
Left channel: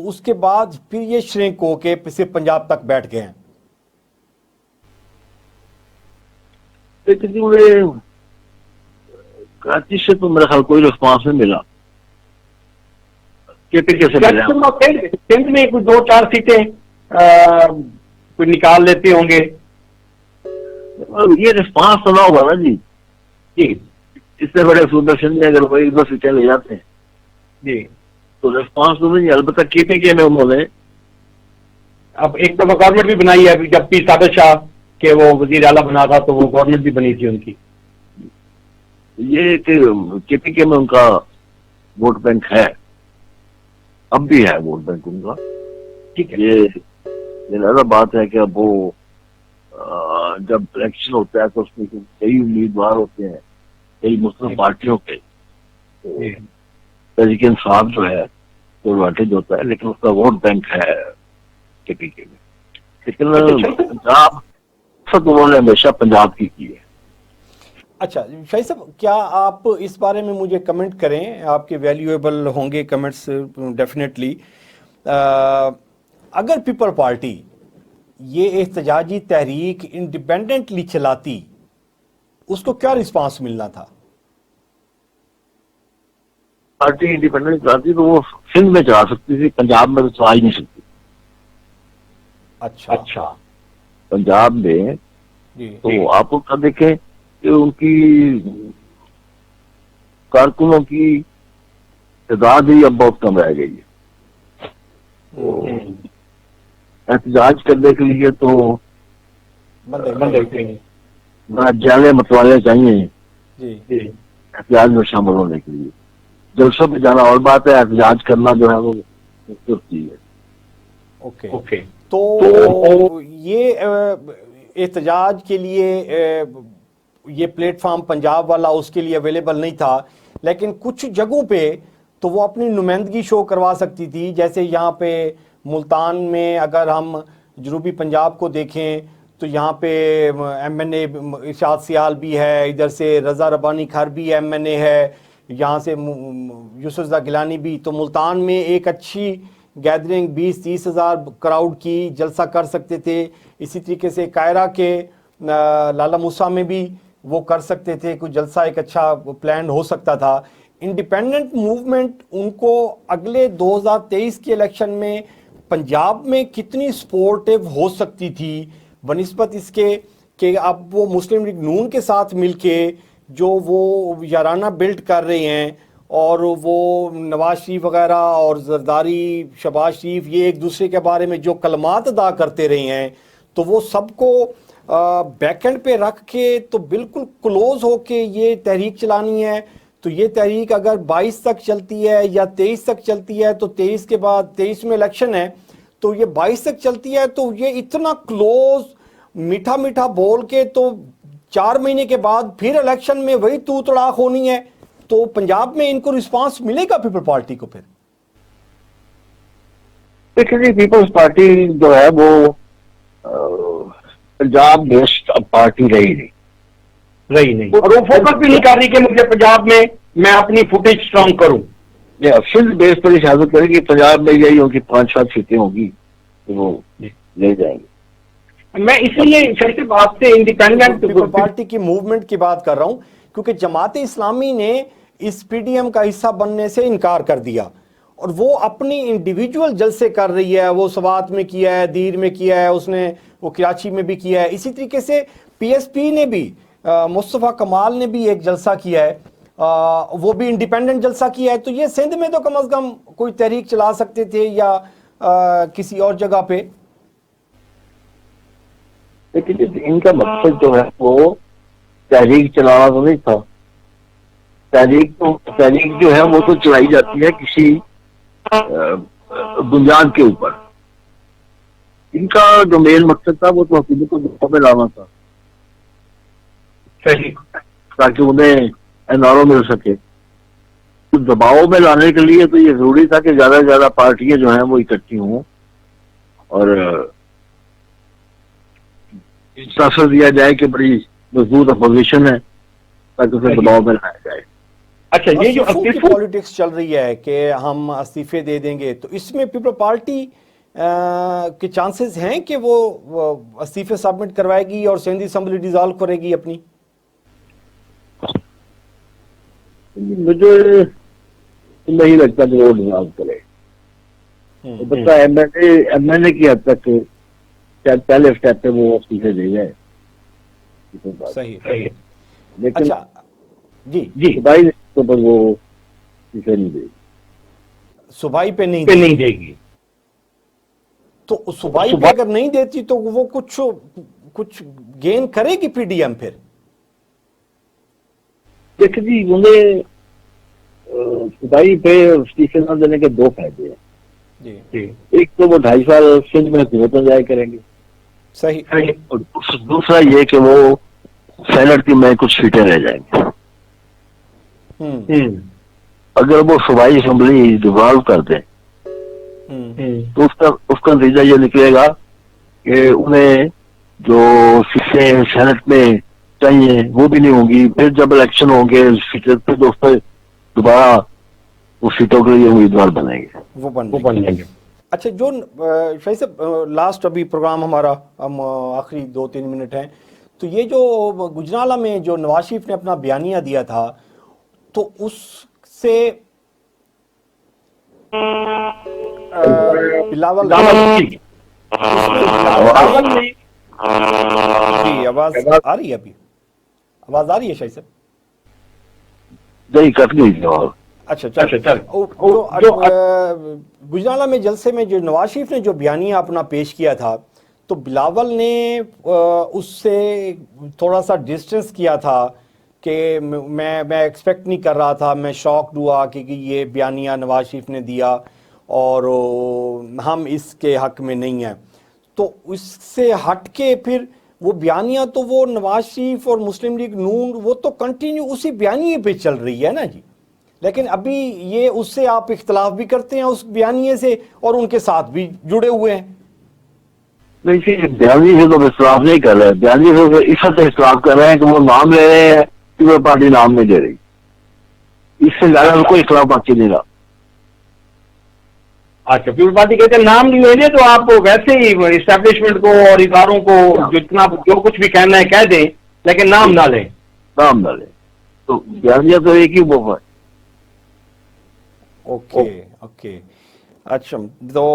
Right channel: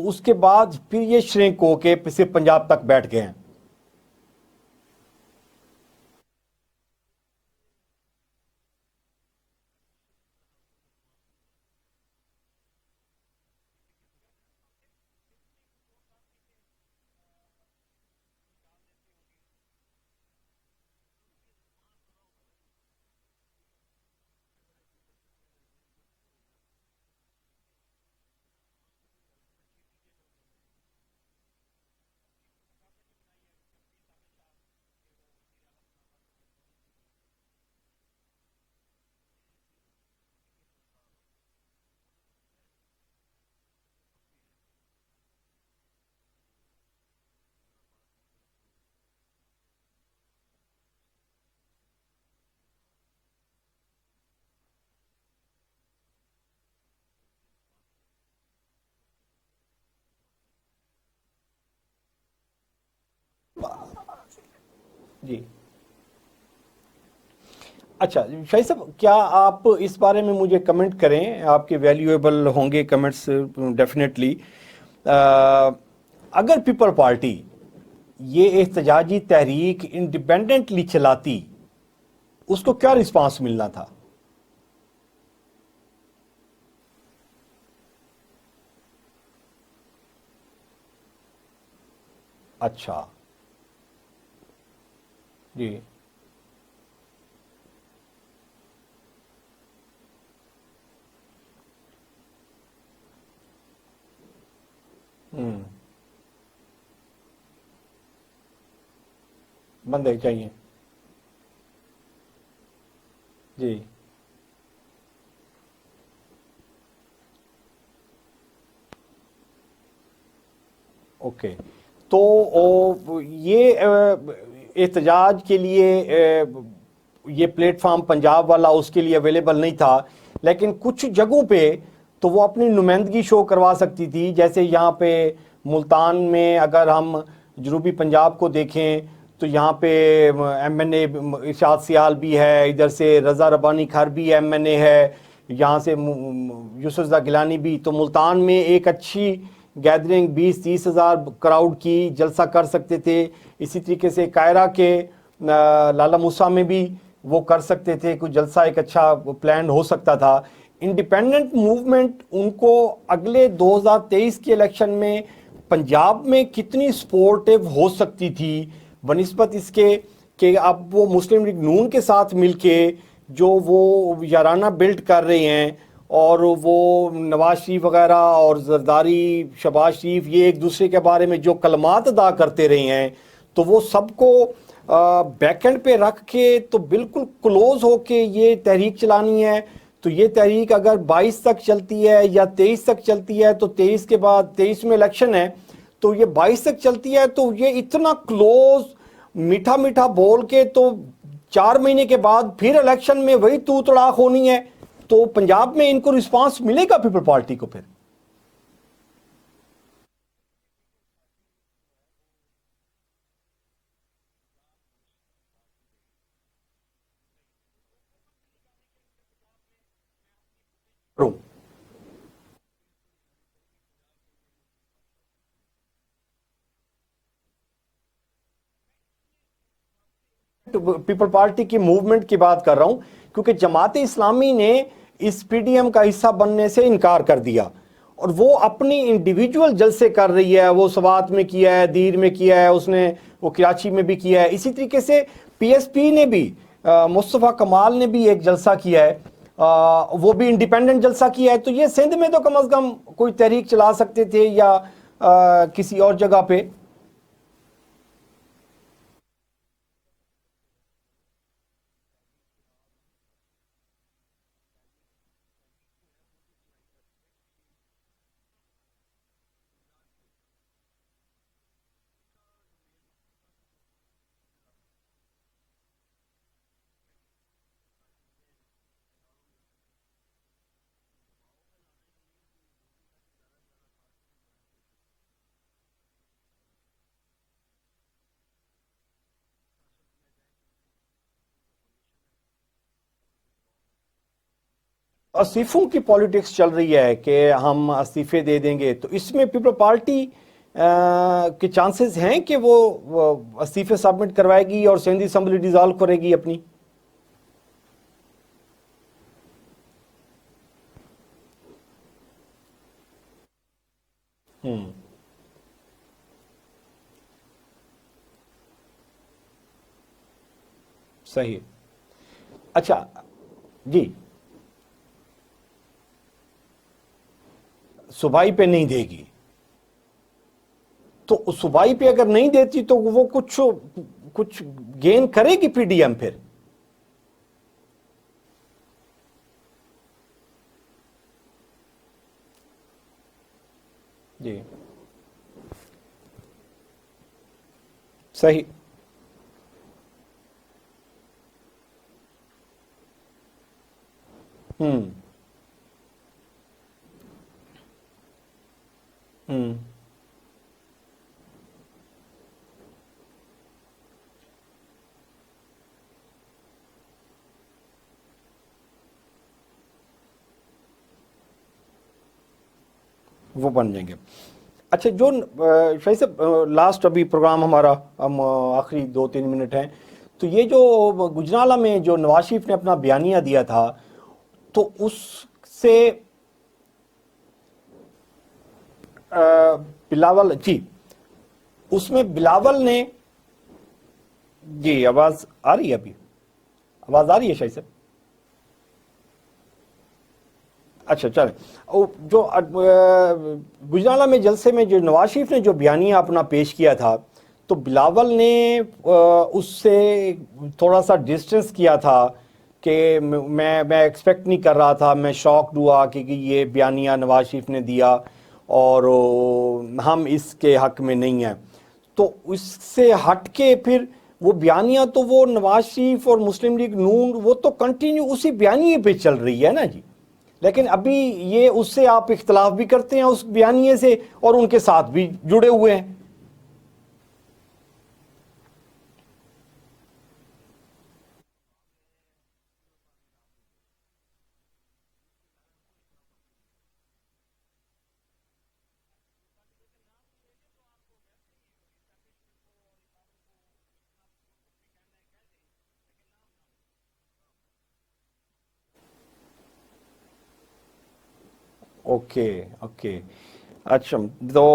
उसके बाद फिर ये श्रिंक होके सिर्फ पंजाब तक बैठ गए हैं। कराची से तो मेरा ख्याल कोई रिस्पांस नहीं मिला, केपीके से मिला। सिंध में कुछ 2-4 सीटें कोई निकाल लेते होंगे, ये रिस्पांस तो ना होगा ना जी। इससे बड़े सूबे सिंध में अगर वही 2 सीटें ले जाते हैं जी तो रिस्पांस तो नहीं। अलबत्ता केपीके में उन्होंने अब एक दफा गवर्नमेंट भी बनाई है, जब पी साबिर शाह के वो वजीर आला बना था तो वो गवर्नमेंट भी बनी थी उनकी। ये केपीके में उनका वोट बैंक है, अब भी है वोट बैंक उनका। ठीक है, ये ज्यादा बात है कि अब वो जब इलेक्शन होता है तो उसमें कई उम्मीदवार होते हैं, कई मुस्लिम पार्टियों के, तहरीक इंसाफ जो है तो एडवांटेज होता है, लेकिन उसका वोट बैंक है केपीके में। लेकिन पंजाब सब उन्होंने हमेशा पंजाब की है। अच्छा शाही साहब, क्या आप इस बारे में मुझे कमेंट करें, आपके वैल्यूएबल होंगे कमेंट्स डेफिनेटली। अगर पीपल पार्टी ये एहतजाजी तहरीक इंडिपेंडेंटली चलाती, उसको क्या रिस्पांस मिलना था? पार्टी इंडिपेंडेंट चलाती तो वो सिंध में चला सकती थी, पंजाब में तो चला ही नहीं सकती। अच्छा पंजाब में जी तो आप उसका देखें कि उनकी कारकुनों की तादाद ही अब बहुत कम रह गई है। एहतजाज करने के लिए तो बंदे जाने मतवाले चाहिए जी एहतजाज में शामिल होने के लिए। जलसों पे जाना और बात है, एहतजाज करना जो है वो मुश्किल चीज है। ओके तो ये एहतजाज के लिए ये प्लेटफॉर्म पंजाब वाला उसके लिए अवेलेबल नहीं था, लेकिन कुछ जगहों पे तो वो अपनी नुमाइंदगी शो करवा सकती थी। जैसे यहाँ पे मुल्तान में अगर हम जनूबी पंजाब को देखें तो यहाँ पे MNA इरशाद सियाल भी है, इधर से रज़ा रब्बानी खर भी MNA है, यहाँ से यूसुफ गिलानी भी। तो मुल्तान में एक अच्छी गैदरिंग 20-30 हज़ार क्राउड की जलसा कर सकते थे। इसी तरीके से कायरा के लाला मूसा में भी वो कर सकते थे, कुछ जलसा एक अच्छा प्लान हो सकता था। इंडिपेंडेंट मूवमेंट उनको अगले 2023 के इलेक्शन में पंजाब में कितनी सपोर्टिव हो सकती थी बनिस्बत इसके कि अब वो मुस्लिम लीग नून के साथ मिलके जो वो याराना बिल्ड कर रहे हैं, और वो नवाज शरीफ वगैरह और जरदारी शहबाज शरीफ ये एक दूसरे के बारे में जो कलमात अदा करते रहे हैं, तो वो सबको बैकएंड पे रख के तो बिल्कुल क्लोज होके ये तहरीक चलानी है। तो ये तहरीक अगर 22 तक चलती है या 23 तक चलती है, तो 23 के बाद 23 में इलेक्शन है, तो ये 22 तक चलती है, तो ये इतना क्लोज मीठा मीठा बोल के तो 4 महीने के बाद फिर इलेक्शन में वही तू तड़ाक होनी है। तो पंजाब में इनको रिस्पांस मिलेगा पीपल पार्टी को? फिर देखिए, पीपल्स पार्टी जो है वो पंजाब बेस्ड अब पार्टी रही नहीं, और वो फोकस भी नहीं कर रही कि मुझे पंजाब में मैं अपनी फुटेज स्ट्रॉन्ग करूं। सिंध बेस पर इजाजत करेगी, पंजाब में यही होगी 5-7 सीटें होगी तो वो ले जाएंगे। मैं इसलिए सिर्फ आपसे इंडिपेंडेंट पीपल पार्टी की मूवमेंट की बात कर रहा हूं, क्योंकि जमात इस्लामी ने इस PDM का हिस्सा बनने से इनकार कर दिया और वो अपनी इंडिविजुअल जलसे कर रही है। वो सवात में किया है, दीर में किया है, उसने वो कराची में भी किया है। इसी तरीके से PSP ने भी मुस्तफ़ा कमाल ने भी एक जलसा किया है, वो भी इंडिपेंडेंट जलसा किया है। तो ये सिंध में तो कम अज़ कम कोई तहरीक चला सकते थे या किसी और जगह पे। लेकिन इनका मकसद जो है वो तहरीक चलाना तो नहीं था। तहरीक जो है वो तो चलाई जाती है किसी बुनियाद के ऊपर। इनका जो मेन मकसद था वो तो हुकूमत को दबाव में लाना था, सही, ताकि उन्हें एनआरओ मिल सके। तो दबाव में लाने के लिए तो ये जरूरी था कि ज्यादा से ज्यादा पार्टियां जो हैं वो इकट्ठी हों और असर दिया जाए कि बड़ी मजबूत अपोजिशन है, ताकि उसे दबाव में लाया जाए। अच्छा, ये जो अस्तीफों की पॉलिटिक्स चल रही है कि हम अस्तीफे दे देंगे, तो इसमें पीपल पार्टी के चांसेस हैं कि वो अस्तीफे सबमिट करवाएगी और सिंध असेंबली डिसॉल्व करेगी अपनी? मुझे नहीं लगता कि वो डिसॉल्व करे। तो पता एमएनए की हद तक शायद पहले स्टेप पे वो अस्तीफे दे जाए। सही। लेकिन अच्छा जी भाई तो पर वो अस्तीफे नहीं देगी, सुबाई पे नहीं देगी। तो सुबाई पे अगर नहीं देती तो वो कुछ गेन करेगी PDM फिर? देखिए जी, उन्हें सुबाई पे इस्तीफे न देने के 2 फायदे हैं। जी एक तो वो 2.5 साल सिंध में हुकूमत में जाया करेंगे, सही। और दूसरा ये कि वो सेनेट की में कुछ सीटें रह जाएंगी। अगर वो सूबाई असेंबली डिवॉल्व कर दें तो उसका नतीजा ये निकलेगा कि उन्हें जो सीटें सेनेट में चाहिए वो भी नहीं होंगी। फिर जब इलेक्शन होंगे सीटें पे तो उस पर दोबारा वो सीटों के लिए उम्मीदवार बनेंगे, वो बन जाएंगे। अच्छा, जो शाहिद साहब लास्ट अभी प्रोग्राम हमारा हम आखिरी 2-3 मिनट हैं, तो ये जो गुजराला में जो नवाज शरीफ ने अपना बयानिया दिया था, तो उससे बिलावल उसमें बिलावल ने जी आवाज आ रही है? अभी आवाज आ रही है शाहिद साहब? नहीं, कट गई थी। और अच्छा चल गुजराला में जलसे में जो नवाज शरीफ ने जो बयानिया अपना पेश किया था, तो बिलावल ने उससे थोड़ा सा डिस्टेंस किया था कि मैं एक्सपेक्ट नहीं कर रहा था, मैं शॉक्ड हुआ कि ये बयानिया नवाज शरीफ ने दिया और हम इसके हक में नहीं हैं। तो इससे हट के फिर वो बयानिया, तो वो नवाज शरीफ और मुस्लिम लीग नून वो तो कंटिन्यू उसी बयानिए पे चल रही है ना जी, लेकिन अभी ये उससे आप इख्तलाफ भी करते हैं उस बयानिए से और उनके साथ भी जुड़े हुए हैं। देखिए, बयानी से तो इख्तलाफ नहीं कर रहे, बयानी से इस हद तक इख्तलाफ कर रहे हैं कि वो नाम ले रहे हैं कि वो पार्टी नाम नहीं दे रही। इससे ज्यादा कोई इख्तलाफ बाकी नहीं रहा। अच्छा, पीपल पार्टी कहते हैं नाम नहीं लेंगे तो आप वैसे ही इस्टेब्लिशमेंट को और इदारों को जितना जो कुछ भी कहना है कह दें, लेकिन नाम ना लें। नाम ना लें, तो बयानिया तो एक ही वो है। ओके। अच्छा, तो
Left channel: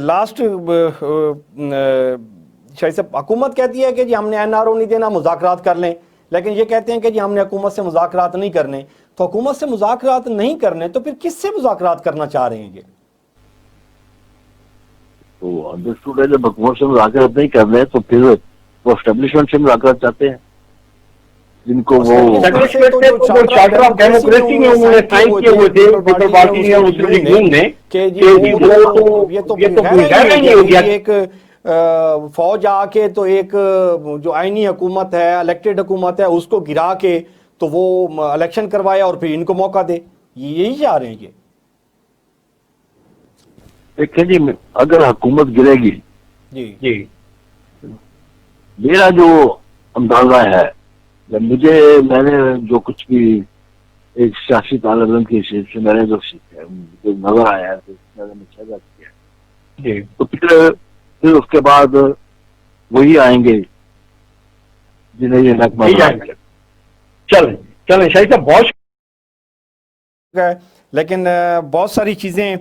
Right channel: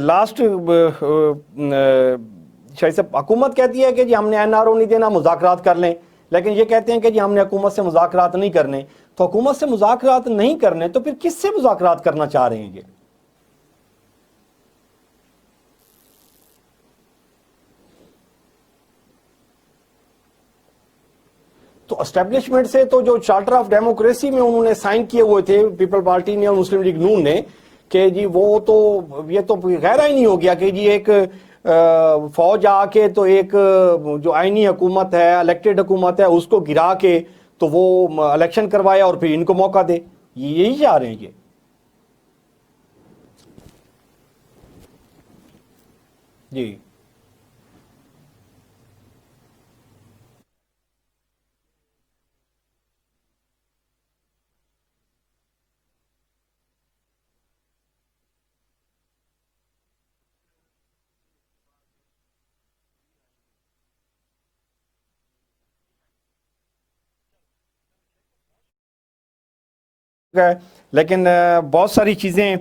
लास्ट शायद साहब हुकूमत कहती है कि जी हमने एनआरओ नहीं देना, मुज़ाकरात कर लें, लेकिन ये कहते हैं कि जी हमने हुकूमत से मुज़ाकरात नहीं करने। तो हुकूमत से मुज़ाकरात नहीं करने तो फिर किससे मुज़ाकरात करना चाह रहे हैं ये? तो अंडरस्टूड है, जब हुकूमत से मुज़ाकरात नहीं करने तो फिर वो एस्टेब्लिशमेंट से मुज़ाकरात चाहते हैं, जिनको वो से तो जो चार्टर डेमोक्रेसी में उन्होंने साइन किए हुए थे पीपल पार्टी और मुस्लिम लीग ने कि जी वो तो ये तो गैर आईनी हो गया कि एक फौज आके तो एक जो आईनी हुकूमत है, इलेक्टेड हुकूमत है, उसको गिरा के तो वो इलेक्शन करवाया और फिर इनको मौका दे, यही चाह रहे हैं ये। देखिए जी, अगर हुकूमत गिरेगी जी मेरा जो अंदाजा है, मैंने जो कुछ भी एक सियासी तालिब इल्म की हैसियत से मैंने जो सीखा है, जो नजर आया है, तो मैंने किया जी, तो फिर उसके बाद वही आएंगे जिन्हें ये महकमा चलें शाहिद साहब, बहुत लेकिन बहुत सारी चीज़ें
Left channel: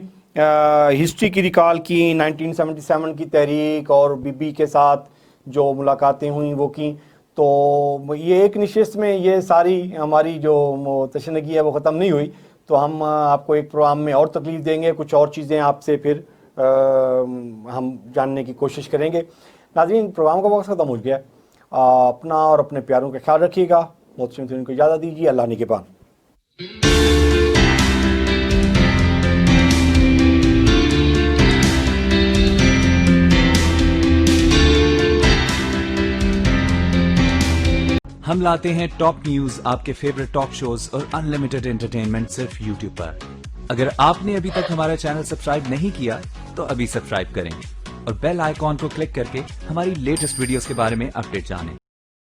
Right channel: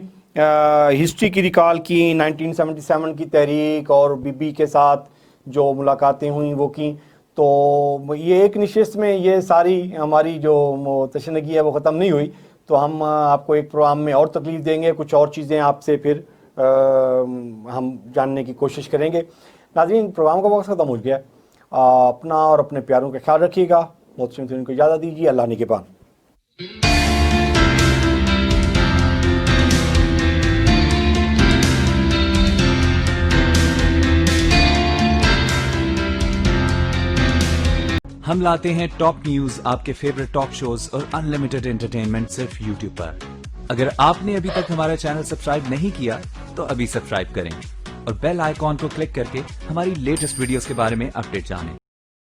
हिस्ट्री की रिकॉल की, 1977 की तहरीक और बीबी के साथ जो मुलाकातें हुई वो की, तो ये एक निशिस्त में ये सारी हमारी जो तशनगी है वो ख़त्म नहीं हुई। तो हम आपको एक प्रोग्राम में और तकलीफ देंगे, कुछ और चीज़ें आपसे फिर हम जानने की कोशिश करेंगे। नाज़रीन, प्रोग्राम का वक्त ख़त्म हो गया। अपना और अपने प्यारों का ख्याल रखिएगा। मोहसिन को इजाज़त दीजिए। अल्लाह निगहबान। हम लाते हैं टॉप न्यूज, आपके फेवरेट टॉक शोज और अनलिमिटेड एंटरटेनमेंट सिर्फ यूट्यूब पर। अगर आपने अभी तक हमारा चैनल सब्सक्राइब नहीं किया तो अभी सब्सक्राइब करें और बेल आइकॉन को क्लिक करके हमारी लेटेस्ट वीडियोस के बारे में अपडेट जानें।